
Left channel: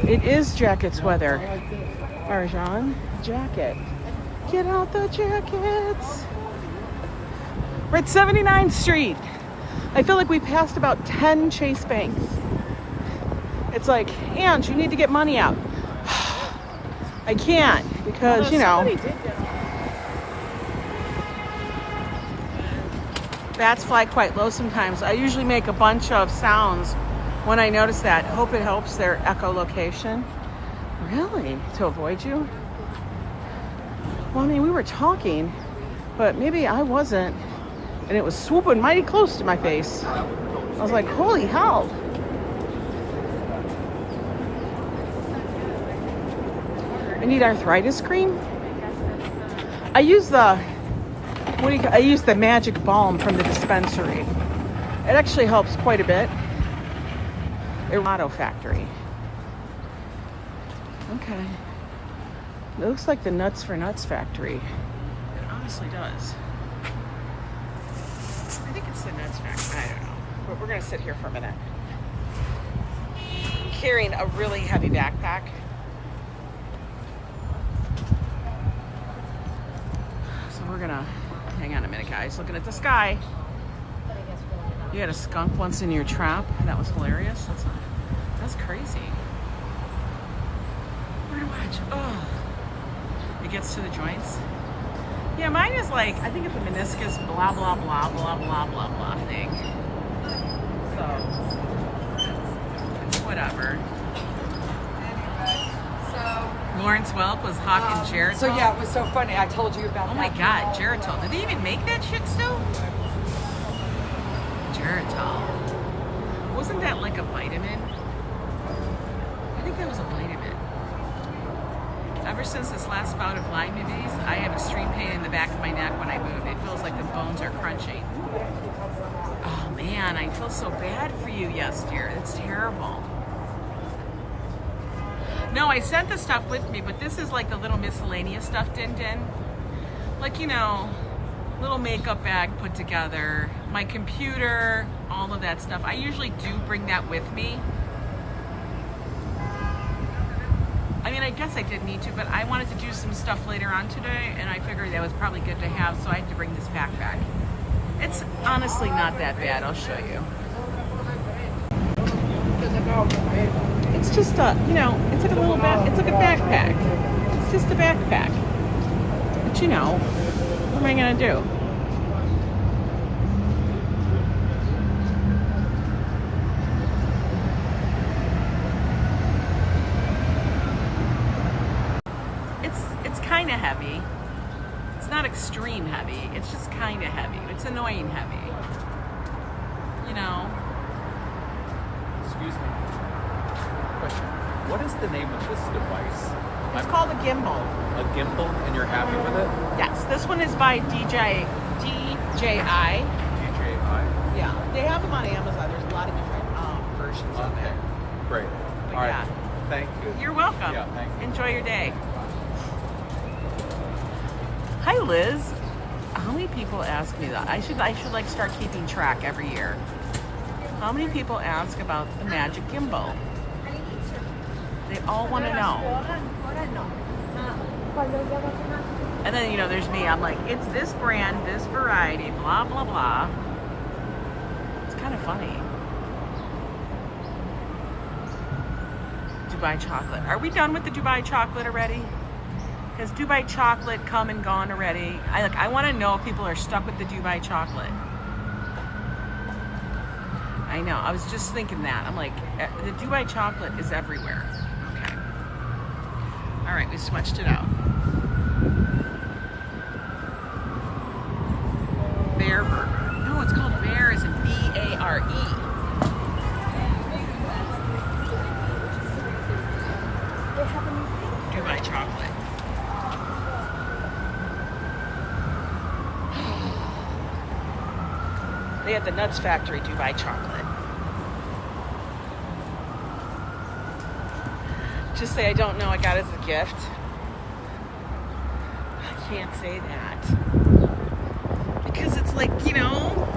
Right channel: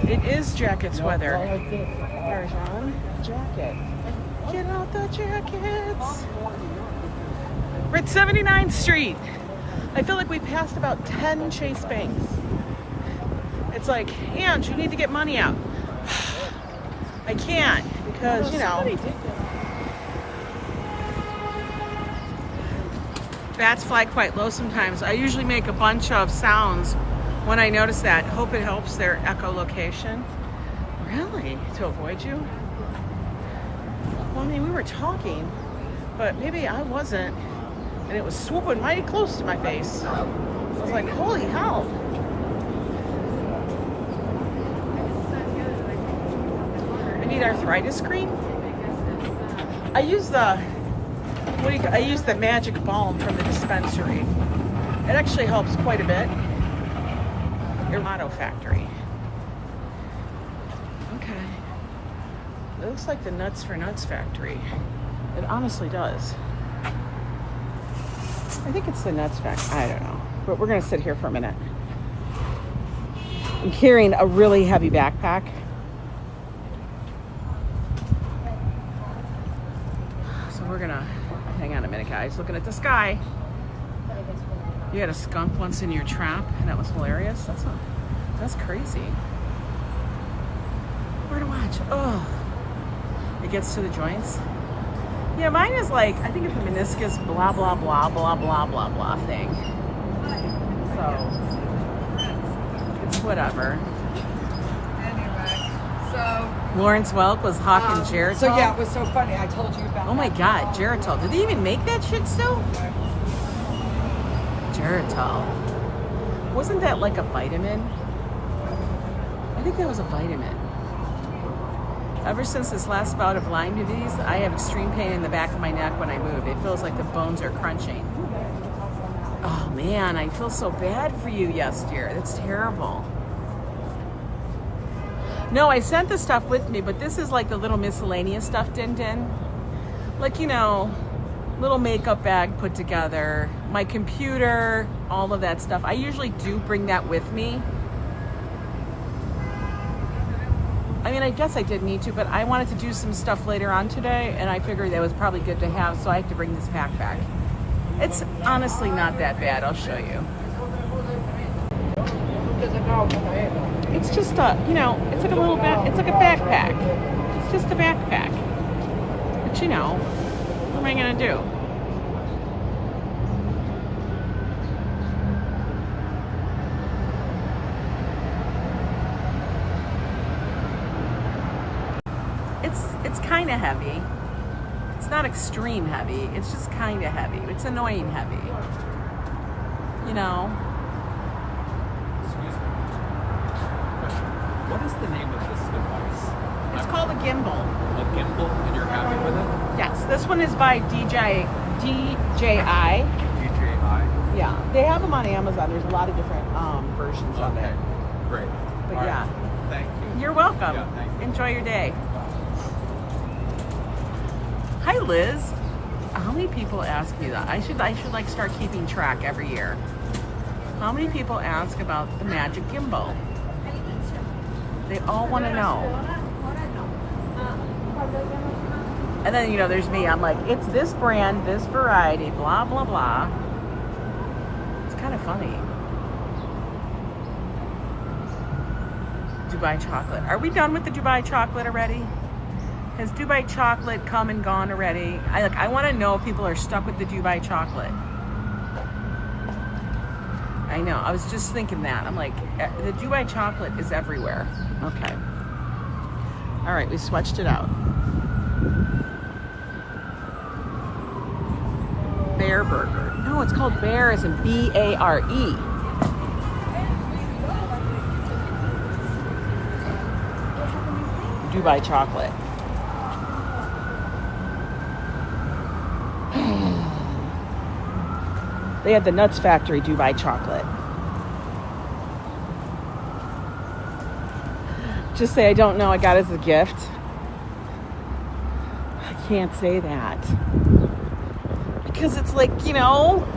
It is jackets weather. Arjan, jacket. Get out the jackets. We're at 79th Street. I feel like we passed about 10 Chase Banks. It's like, Ange, you need to get money out. I can't because, you know, bats fly quite low sometimes. I usually make a bunch of sounds when I notice that. Hope it helps their echolocation. Really? To avoid you? Well, I mean, we were talking, but maybe I wasn't. And it was swooping mighty close to my face. I was like, holy hell. I need arthritis cream. I use the, I use the magic balm from the dispensary. It actually helps quite a bit. The Auto Factory. Okay. It looks like the Nuts for Nuts factory. It honestly does. I think it's the Nuts factory. I don't know. But we're going to sit here for a minute. I'm carrying a really heavy backpack. So we're going to hang on a minute, guys. Looking at the sky. You had a skunk once in your trap, and that was hilarious. That's crazy. Where to watch? Oh, it gets to the joints. Yeah, mine is like, I think it's a meniscus blah blah blah blah blah blah blah thing. So it's whatever. Anyway, so Lawrence Welk was hawking Geritol. So yeah, it was so funny. I told you about. Oh my God, Geritol! Did they even make that shit still? Geritol. Wasn't that like a vitamin? I think that was a vitamin. Ever since this last bout of Lyme disease, I have extreme pain in the back of my neck when I move. It feels like the bones are crunching. Oh man, I feel so bad for you, Yes Dear. That's terrible. No, I sent the stuff with me, but this is like the little miscellaneous stuff, Din. Like, you know, little makeup bag put together, my computer, all of that stuff. I usually do bring that with me. I mean, I guess I did need to, but I wanted to do some stuff later on today, and I figured that was probably good to have, so I had to bring this pack back. It's honestly not that bad. I'll show you. It's just a, you know, it's like a little it's like a backpack. It's just a backpack. But you know, what am I gonna do? It's kind of heavy. It's not extreme heavy. It's just kind of heavy. It's annoying heavy. You know. Excuse me. Question. What is the name of this device? It's called a gimbal. A gimbal, and you're happy with it? Yes. This one is by DJI. DJI? Yeah. They have them on Amazon. There's a lot of different versions of it. Great. But All yeah. right. Thank you. You're welcome. Yeah, thank you. Enjoy your day. Hi, Liz. How many people ask me that? I should like start keeping track every year. How many people ask about the magic gimbal? They all want to know. And then, you know, there's me. I'm like, it's this brand, this variety, blah, blah, blah. It's kind of funny. Dubai chocolate. Are we done with the Dubai chocolate already? Has Dubai chocolate come and gone already? I want to know if people are stuck with the Dubai chocolate. I know. I was just thinking that. I'm like, the Dubai chocolate is everywhere. Okay. All right, we switched it out. Bear burger. No, it's called Bear as in B-A-R-E. Dubai chocolate. They have the Nuts Factory Dubai chocolate. Just say I don't know, I got it as a gift. I can't say that. Because it's like, you know,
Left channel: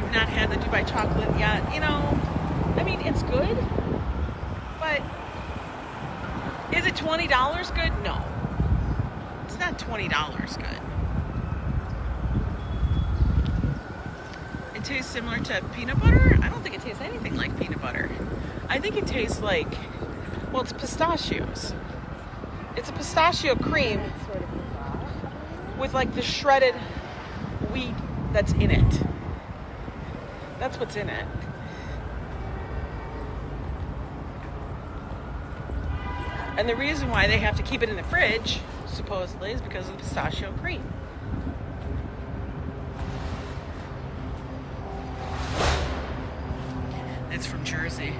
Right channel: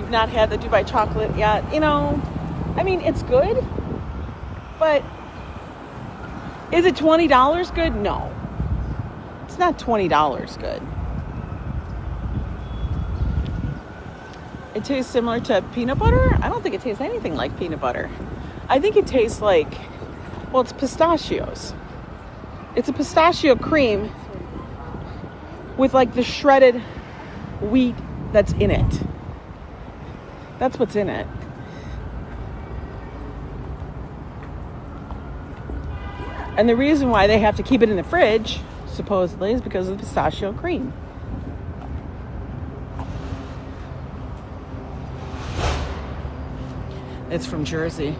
you've not had the Dubai chocolate yet. You know, I mean, it's good. But is it $20 good? No. It's not $20 good. It tastes similar to peanut butter? I don't think it tastes anything like peanut butter. I think it tastes like, well, it's pistachios. It's a pistachio cream with like the shredded wheat that's in it. That's what's in it. And the reason why they have to keep it in the fridge, supposedly, is because of the pistachio cream. It's from Jersey.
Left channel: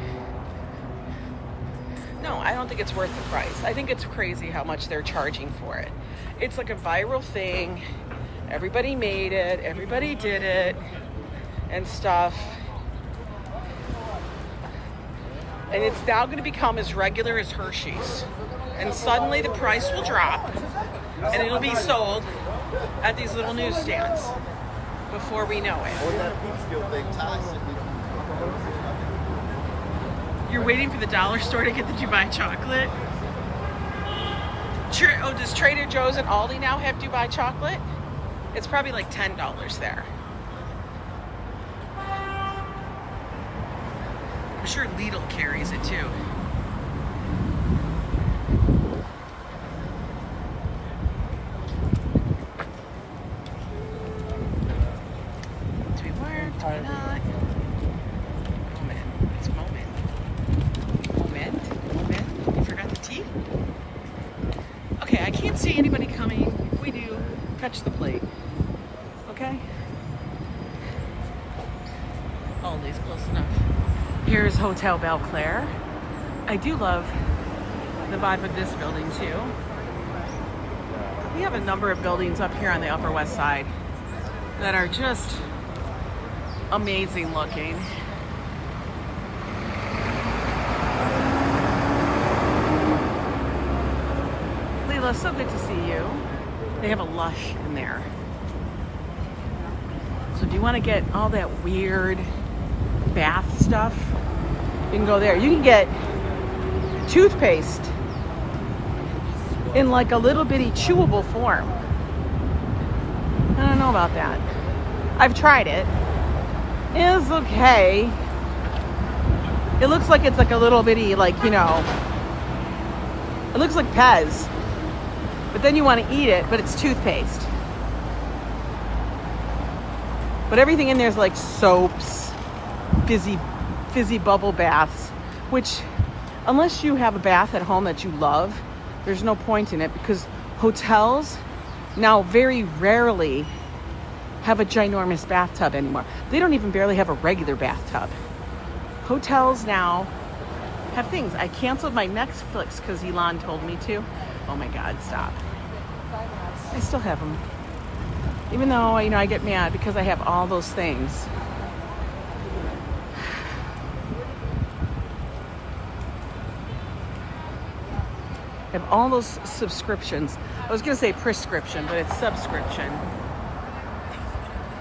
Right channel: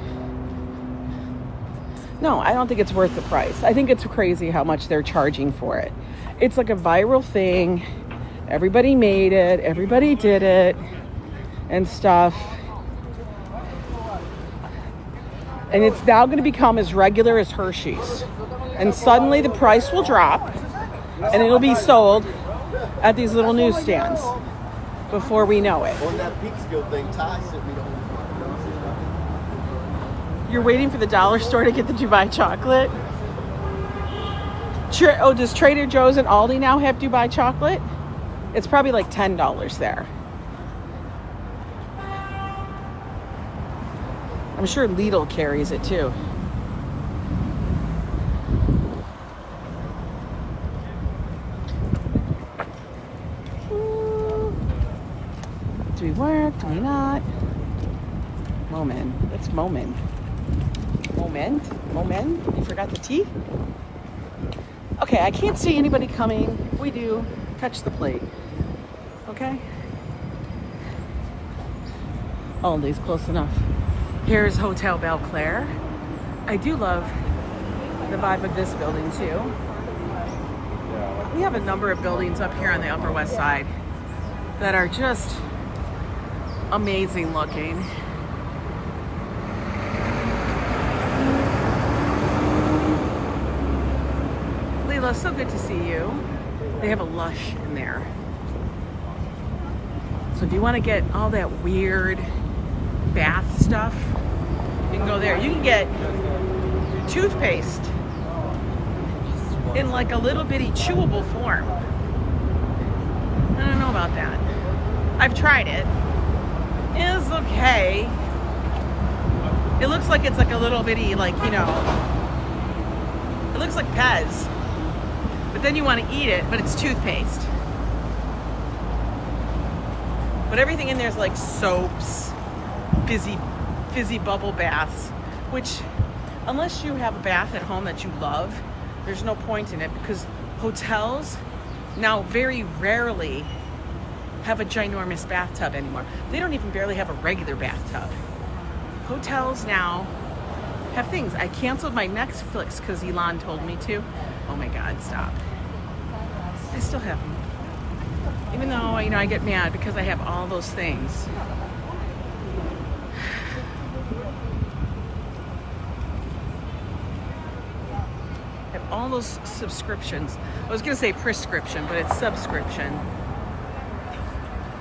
No, I don't think it's worth the price. I think it's crazy how much they're charging for it. It's like a viral thing. Everybody made it. Everybody did it. And stuff. And it's now going to become as regular as Hershey's. And suddenly the price will drop. And it'll be sold at these little newsstands before we know it. You're waiting for the dollar store to get the Dubai chocolate? Oh, does Trader Joe's and Aldi now have Dubai chocolate? It's probably like $10 there. I'm sure Lidl carries it too. Do we work? Do we not? Moment. It's moment. Moment. You forgot the T? Okay, I can't see anybody coming. If we do, catch the plate. Okay? Aldi's close enough. Here's Hotel Belclair. I do love the vibe of this building too. We have a number of buildings up here on the Upper West Side that are just amazing looking. Lila, so good to see you. They have a Lush in there. So do you want to get all that weird bath stuff? You can go there. You can get toothpaste in like a little bitty chewable form. I don't know about that. I've tried it. It's okay. It looks like it's like a little bitty, like, you know, it looks like Pez. But then you want to eat it, but it's toothpaste. But everything in there is like soaps, fizzy bubble baths, which unless you have a bath at home that you love, there's no point in it, because hotels now very rarely have a ginormous bathtub anymore. They don't even barely have a regular bathtub. Hotels now have things. I canceled my Netflix because Elon told me to. Oh my God, stop. I still have them. Even though, you know, I get mad because I have all those things. I have all those subscriptions. I was gonna say prescription, but it's subscription.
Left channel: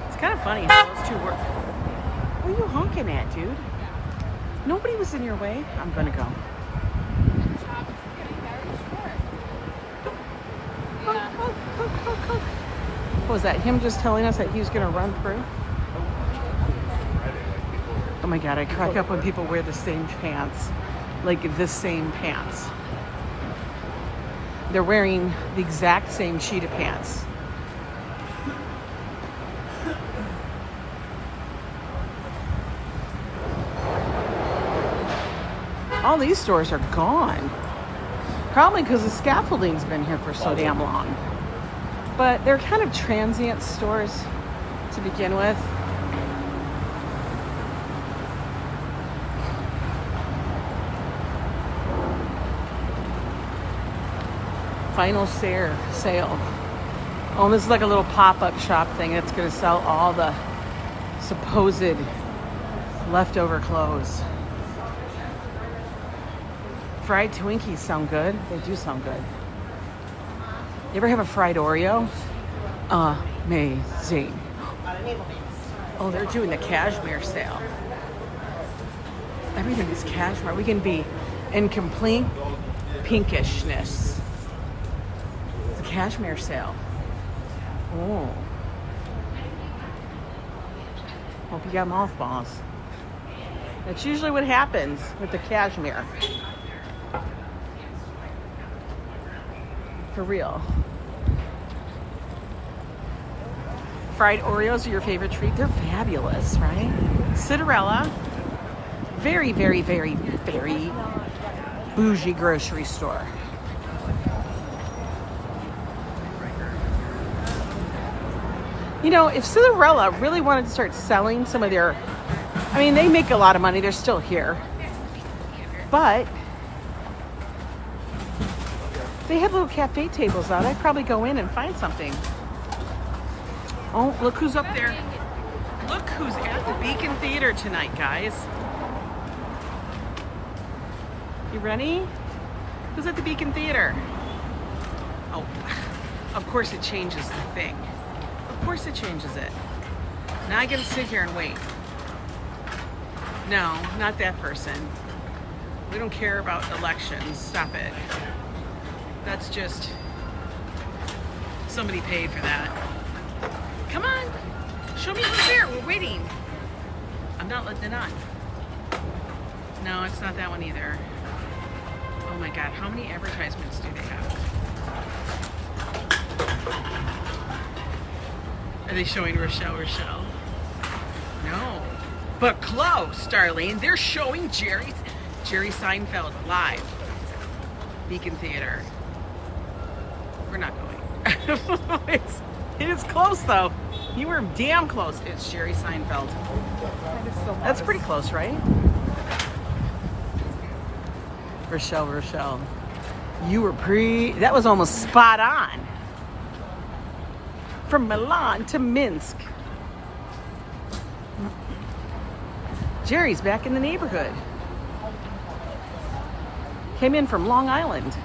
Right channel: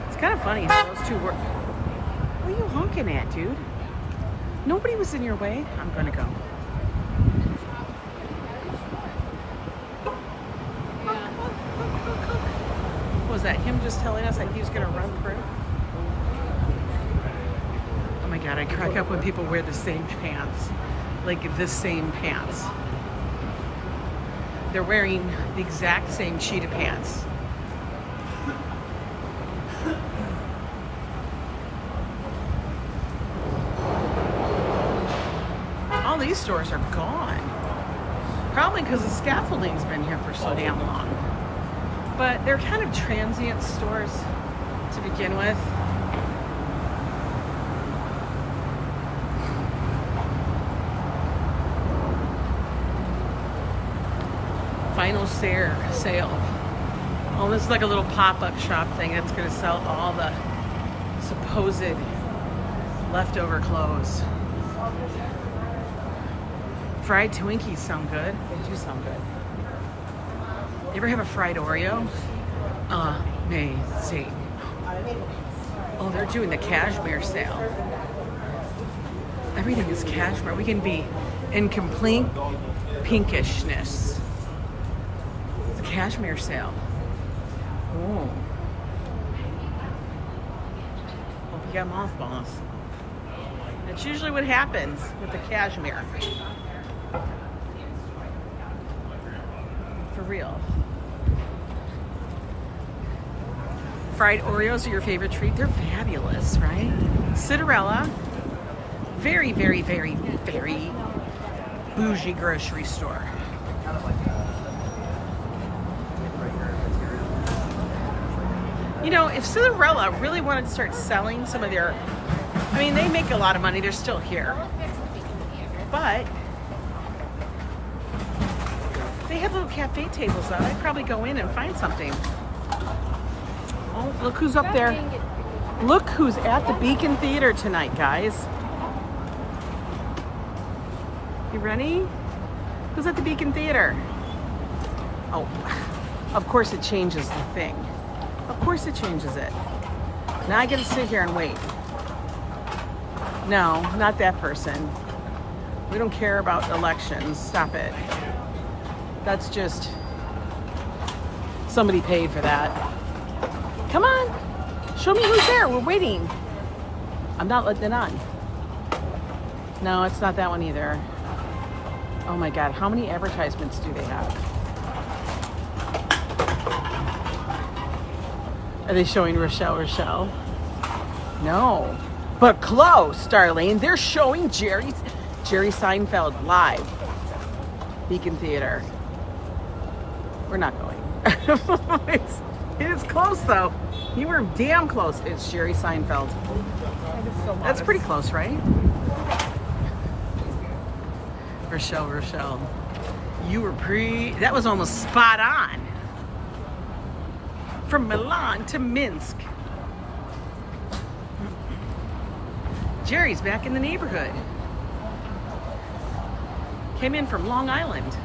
It's kind of funny how those two work. What are you honking at, dude? Nobody was in your way. I'm gonna go. What was that? Him just telling us that he was gonna run through? Oh my God, I crack up when people wear the same pants. Like the same pants. They're wearing the exact same sheet of pants. All these stores are gone. Probably because the scaffolding's been here for so damn long. But they're kind of transient stores to begin with. final sale. Oh, this is like a little pop-up shop thing. It's gonna sell all the supposed leftover clothes. Fried Twinkies sound good. They do sound good. You ever have a fried Oreo? Amazing. Oh, they're doing the cashmere sale. Everything is cashmere. We can be in complete pinkishness. It's a cashmere sale. Oh. Hope you got mothballs. That's usually what happens with the cashmere. For real. Fried Oreos are your favorite treat? They're fabulous, right? Cinderella. Very, very, very, very bougie grocery store. You know, if Cinderella really wanted to start selling some of their, I mean, they make a lot of money. They're still here. But they have little cafe tables out. I'd probably go in and find something. Oh, look who's up there. Look who's at the Beacon Theater tonight, guys. You ready? Who's at the Beacon Theater? Oh, of course it changes the thing. Of course it changes it. Now I get to sit here and wait. No, not that person. We don't care about elections. Stop it. That's just, somebody paid for that. Come on, show me who's there. We're waiting. I'm not letting it on. No, it's not that one either. Oh my God, how many advertisements do they have? Are they showing Rochelle? No, but close, Darlene. They're showing Jerry Seinfeld live. Beacon Theater. We're not going. It is close though. You were damn close. It's Jerry Seinfeld. That's pretty close, right? Rochelle. You were that was almost spot on. From Milan to Minsk. Jerry's back in the neighborhood. Came in from Long Island.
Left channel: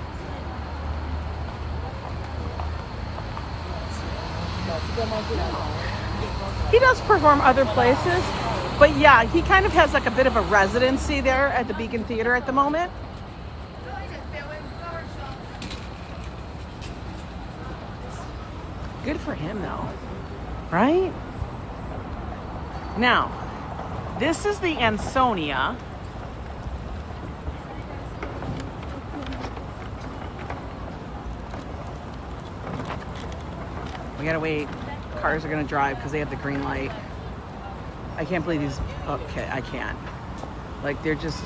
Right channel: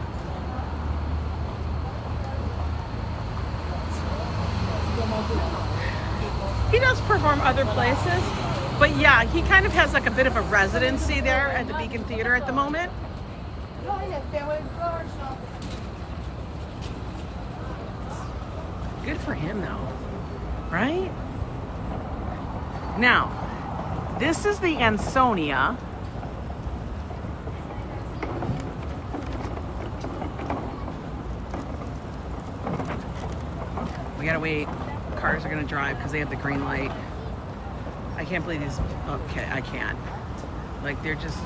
He does perform other places, but yeah, he kind of has like a bit of a residency there at the Beacon Theater at the moment. Good for him though, right? Now, this is the Ansonia. We gotta wait. Cars are gonna drive because they have the green light. I can't believe these. Okay, I can't. Like they're just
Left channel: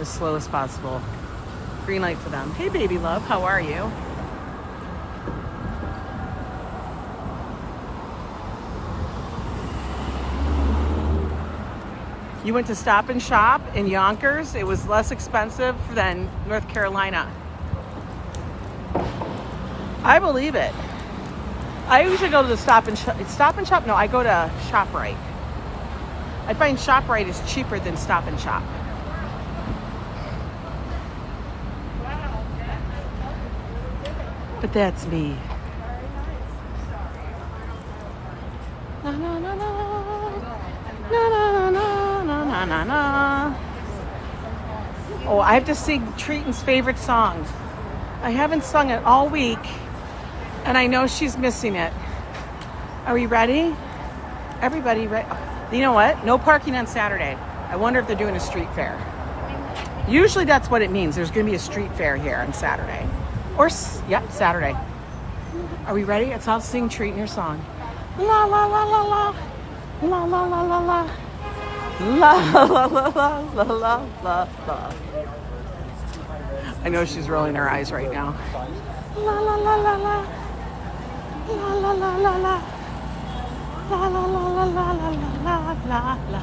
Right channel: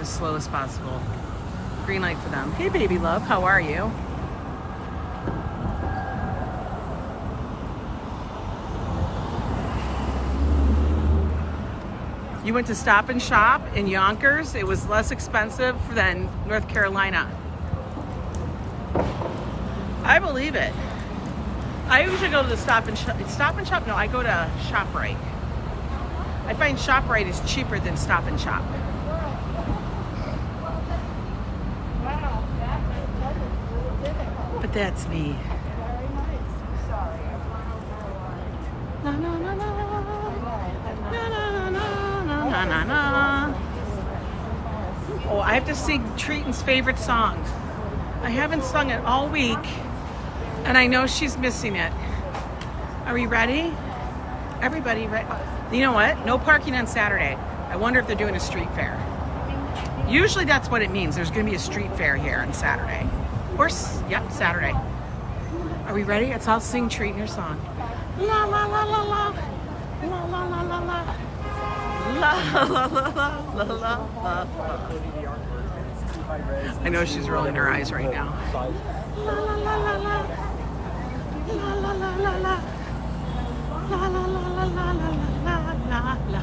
as slow as possible. Green light for them. Hey, baby love, how are you? You went to Stop and Shop in Yonkers. It was less expensive than North Carolina. I believe it. I usually go to the Stop and Shop. No, I go to ShopRite. I find ShopRite is cheaper than Stop and Shop. But that's me. Na na na na na na na na na na. Oh, I have to sing Treaton's favorite song. I haven't sung it all week. And I know she's missing it. Are we ready? Everybody ready? You know what? No parking on Saturday. I wonder if they're doing a street fair. Usually that's what it means. There's gonna be a street fair here on Saturday. Or, yep, Saturday. Are we ready? I'll sing Treaton your song. La la la la la. La la la la la. La la la la la la la. I know she's rolling her eyes right now. La la la la la. La la la la la. La la la la la la la la.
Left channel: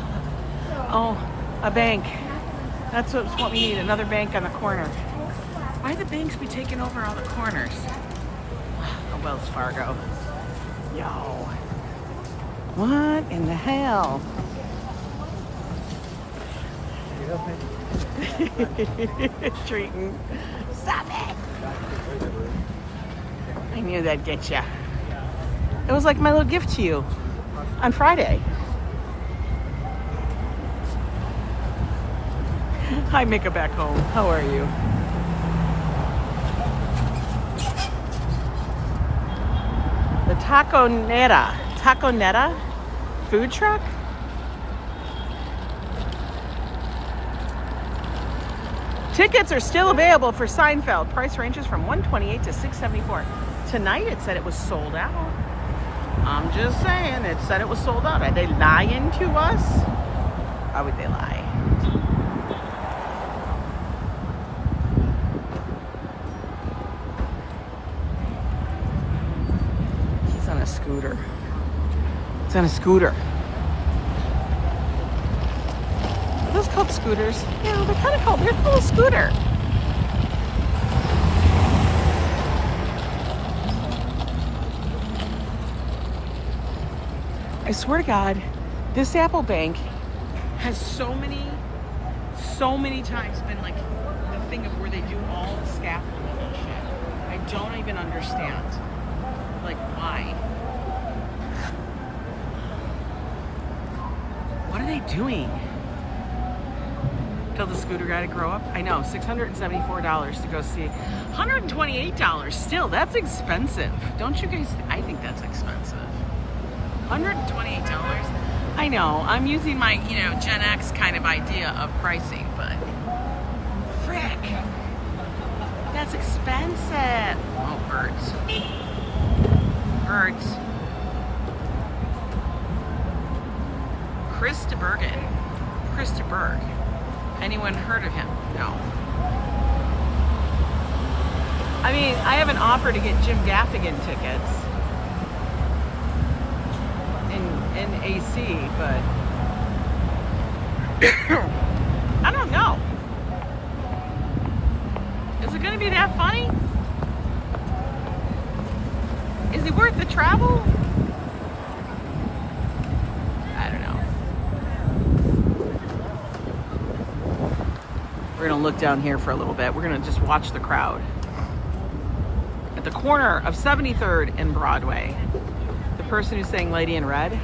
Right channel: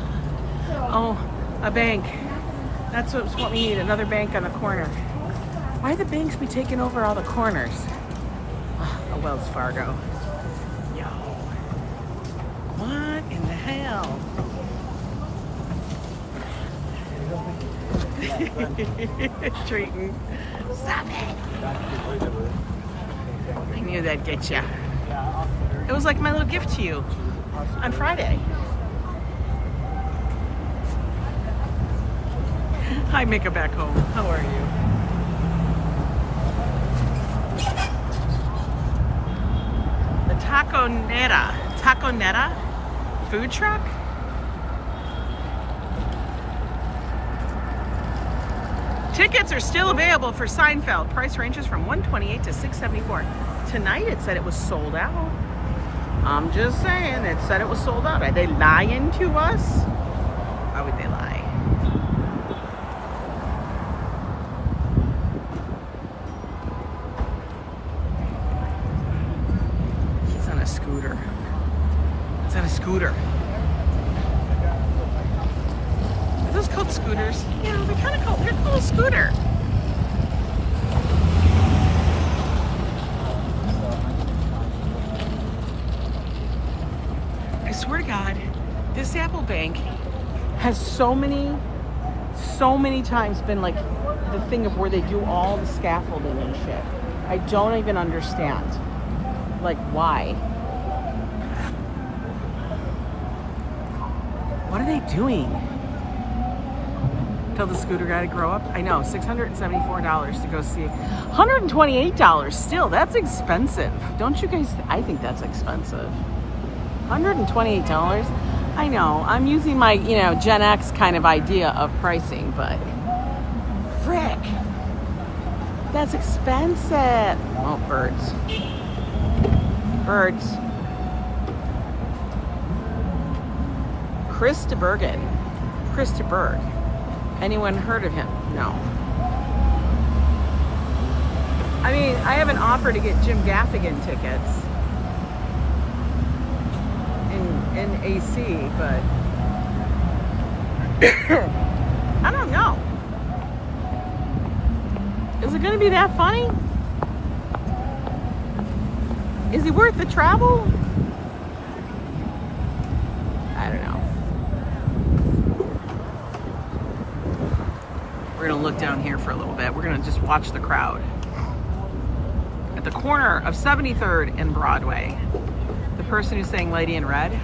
Oh, a bank. That's what we need, another bank on the corner. Why the banks be taking over all the corners? A Wells Fargo. Yo. What in the hell? Treating. Stop it. I knew that'd get ya. It was like my little gift to you on Friday. Hi, Micka back home. How are you? The Taco Netta food truck? Tickets are still available for Seinfeld. Price ranges from $128 to $674. Tonight it said it was sold out. I'm just saying, it said it was sold out. Are they lying to us? Why would they lie? It's on a scooter. It's on a scooter. Are those called scooters? Yeah, they're kind of called, they're called a scooter. I swear to God, this Apple Bank has so many times been like the thing of where they do all the scaffolding and shit. I don't even understand. Like, why? What are they doing? Tell the scooter guy to grow up? I know, $674 to go see. $128 still, that's expensive. Don't you guys, I think that's expensive. $128? I know, I'm using my, Gen X kind of idea of pricing, but frick, that's expensive. Oh, birds. Birds. Chris de Berg. Anyone heard of him? No. I mean, I have an offer to get Jim Gaffigan tickets in AC, but I don't know. Is it going to be that funny? Is he worth the travel? I don't know. We're going to look down here for a little bit. We're going to just watch the crowd. At the corner of 73rd and Broadway. The person who sang Lady in Red.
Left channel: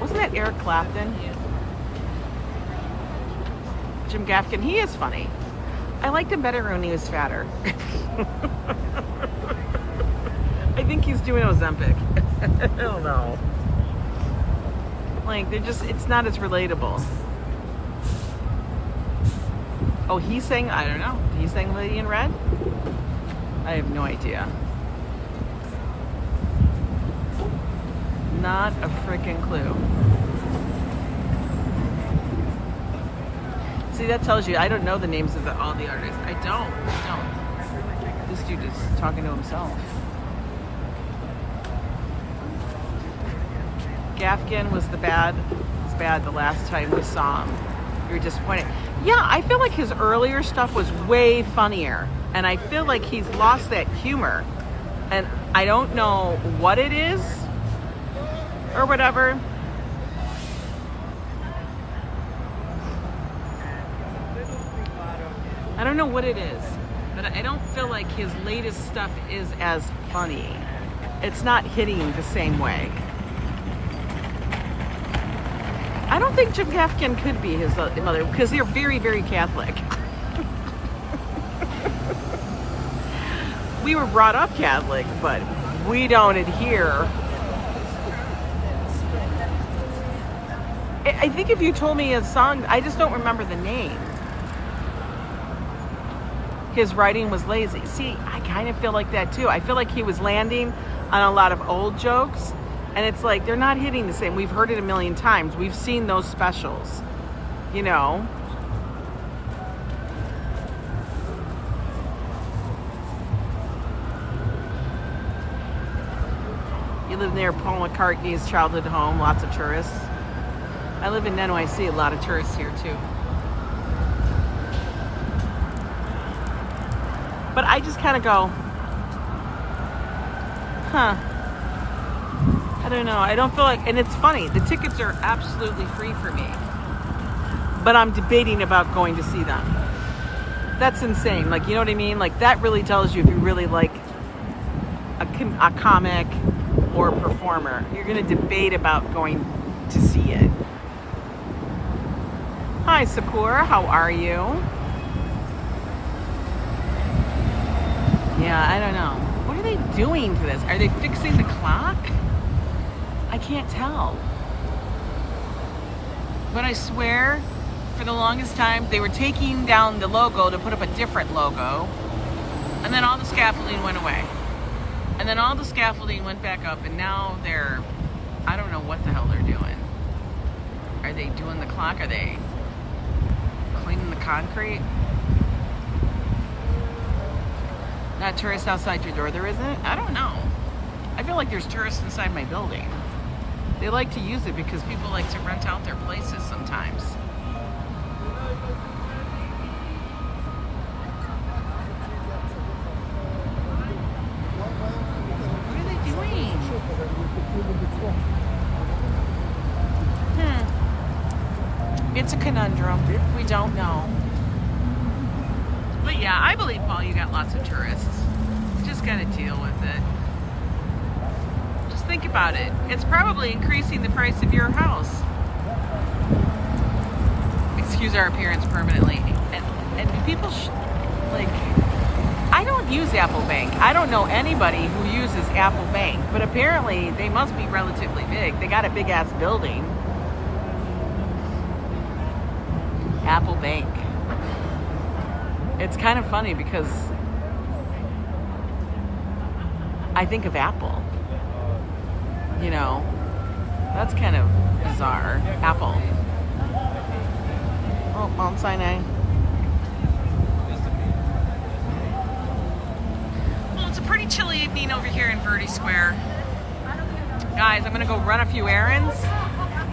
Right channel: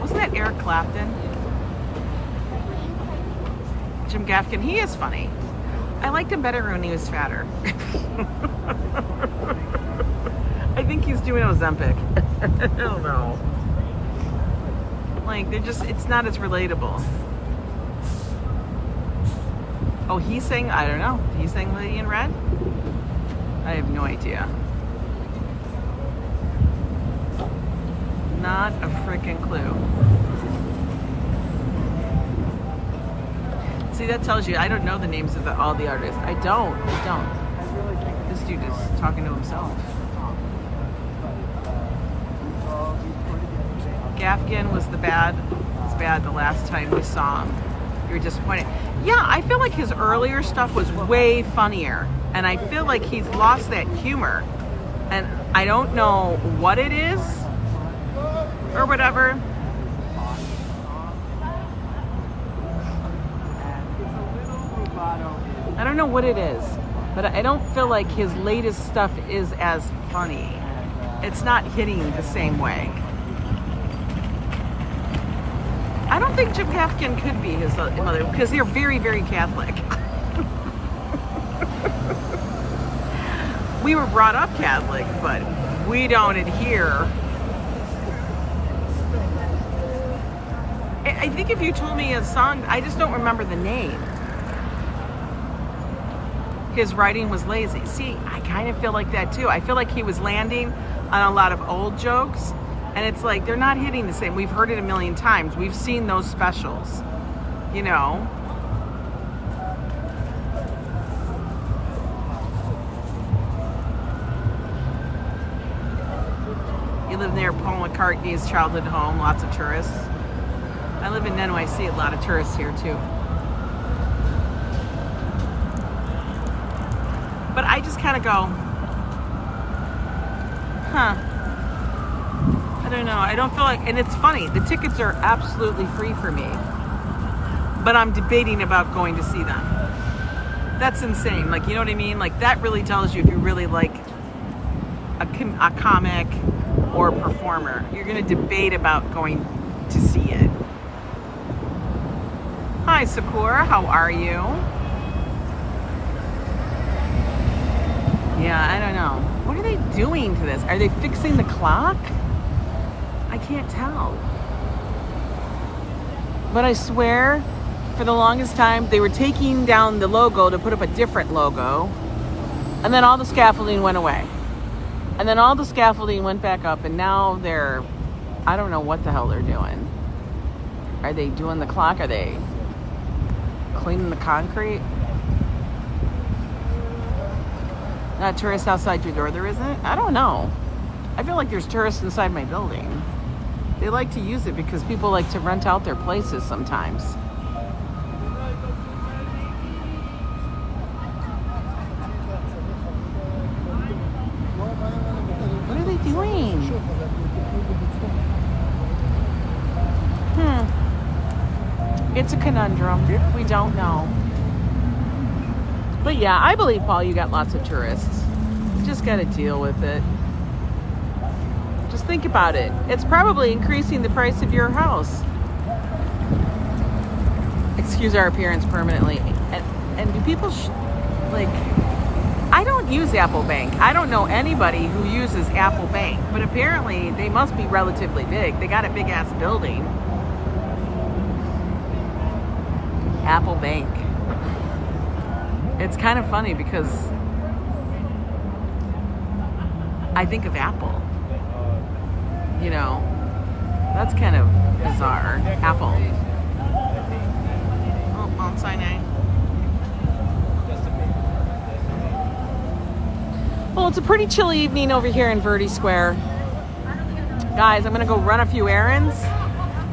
Wasn't that Eric Clapton? Jim Gaffigan, he is funny. I liked him better when he was fatter. I think he's doing Ozempic. I don't know. Like, it's not as relatable. Oh, he sang, I don't know. He sang Lady in Red? I have no idea. Not a freaking clue. See, that tells you I don't know the names of all the artists. I don't. This dude is talking to himself. Gaffigan was the bad the last time we saw him. You were disappointed. Yeah, I feel like his earlier stuff was way funnier. And I feel like he's lost that humor. And I don't know what it is or whatever. I don't know what it is, but I don't feel like his latest stuff is as funny. It's not hitting the same way. I don't think Jim Gaffigan could be his mother, because they're very, very Catholic. We were brought up Catholic, but we don't adhere. I think if you told me a song, I just don't remember the name. His writing was lazy. See, I kind of feel like that too. I feel like he was landing on a lot of old jokes, and it's like they're not hitting the same. We've heard it a million times. We've seen those specials, You live near Paul McCartney's childhood home, lots of tourists. I live in NYC, a lot of tourists here too. But I just kind of go, huh. I don't know. I don't feel like, and it's funny, the tickets are absolutely free for me. But I'm debating about going to see them. That's insane. Like, you know what I mean? Like, that really tells you if you really like a comic or a performer. You're going to debate about going to see it. Hi, Sakura. How are you? Yeah, I don't know. What are they doing to this? Are they fixing the clock? I can't tell. But I swear, for the longest time, they were taking down the logo to put up a different logo. And then all the scaffolding went away. And then all the scaffolding went back up. And now they're, I don't know what the hell they're doing. Are they doing the clock? Are they cleaning the concrete? Not tourists outside your door, there isn't? I don't know. I feel like there's tourists inside my building. They like to use it because people like to rent out their places sometimes. What are they doing? It's a conundrum. We don't know. But yeah, I believe, Paul, you got lots of tourists. You just got to deal with it. Just think about it. It's probably increasing the price of your house. Excuse our appearance permanently. And do people, like, I don't use Apple Bank. I don't know anybody who uses Apple Bank. But apparently, they must be relatively big. They got a big-ass building. Apple Bank. It's kind of funny because I think of Apple. You know, that's kind of bizarre. Apple. Oh, Mount Sinai. Well, it's a pretty chilly evening over here in Verde Square. Guys, I'm going to go run a few errands.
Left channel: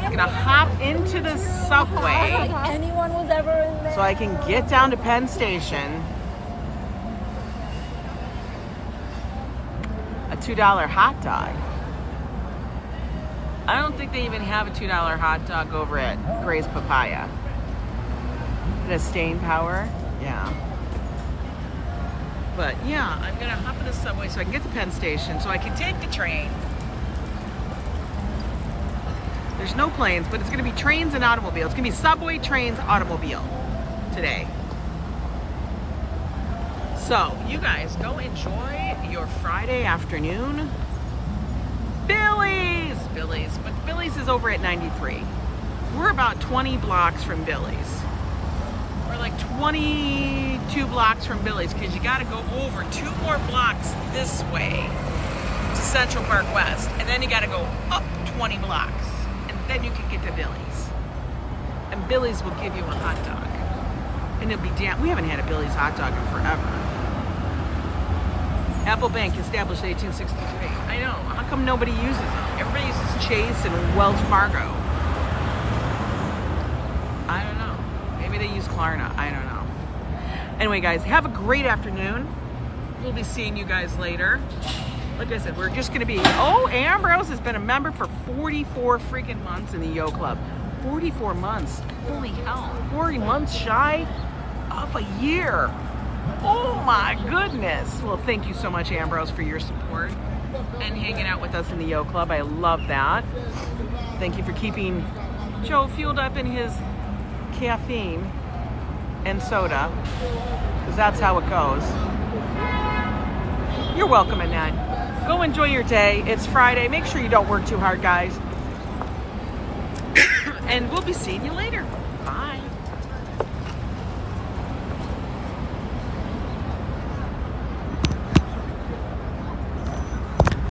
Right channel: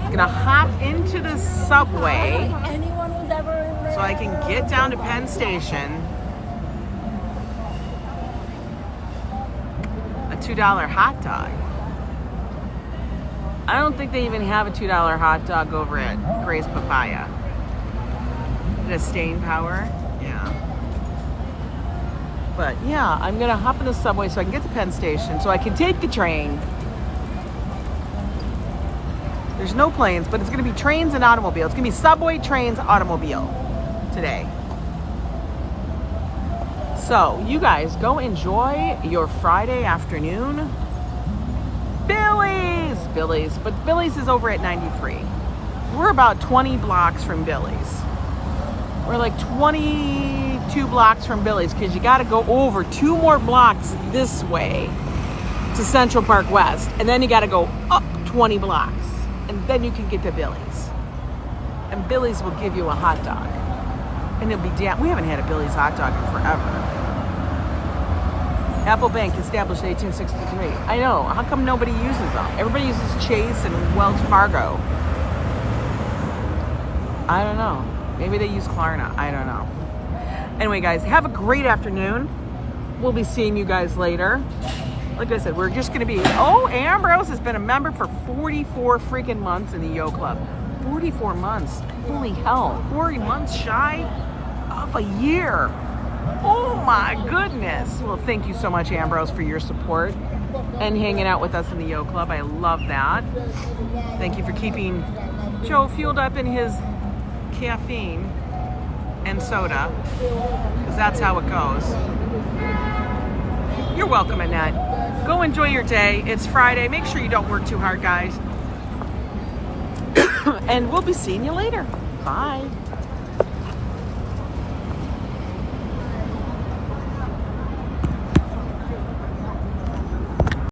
I'm going to hop into the subway so I can get down to Penn Station. A $2 hot dog. I don't think they even have a $2 hot dog over at Gray's Papaya. The staying power. Yeah. But yeah, I'm going to hop in the subway so I can get to Penn Station so I can take the train. There's no planes, but it's going to be trains and automobiles. It's going to be subway, trains, automobile today. So you guys go enjoy your Friday afternoon. Billy's, but Billy's is over at 93. We're about 20 blocks from Billy's. We're like 22 blocks from Billy's because you got to go over 2 more blocks this way to Central Park West, and then you got to go up 20 blocks, and then you can get to Billy's. And Billy's will give you a hot dog. And it'll be damn, we haven't had a Billy's hot dog in forever. Apple Bank established 1863. I know, how come nobody uses them? Everybody uses Chase and Wells Fargo. I don't know. Maybe they use Klarna, I don't know. Anyway guys, have a great afternoon. We'll be seeing you guys later. Like I said, we're just gonna be, oh, Ambrose has been a member for 44 freaking months in the Yo Club. 44 months, holy hell, 40 months shy of a year. Oh my goodness. Well, thank you so much, Ambrose, for your support and hanging out with us in the Yo Club. I love that. Thank you for keeping Joe fueled up in his caffeine and soda, because that's how it goes. You're welcome, Annette. Go enjoy your day. It's Friday. Make sure you don't work too hard, guys. And we'll be seeing you later. Bye.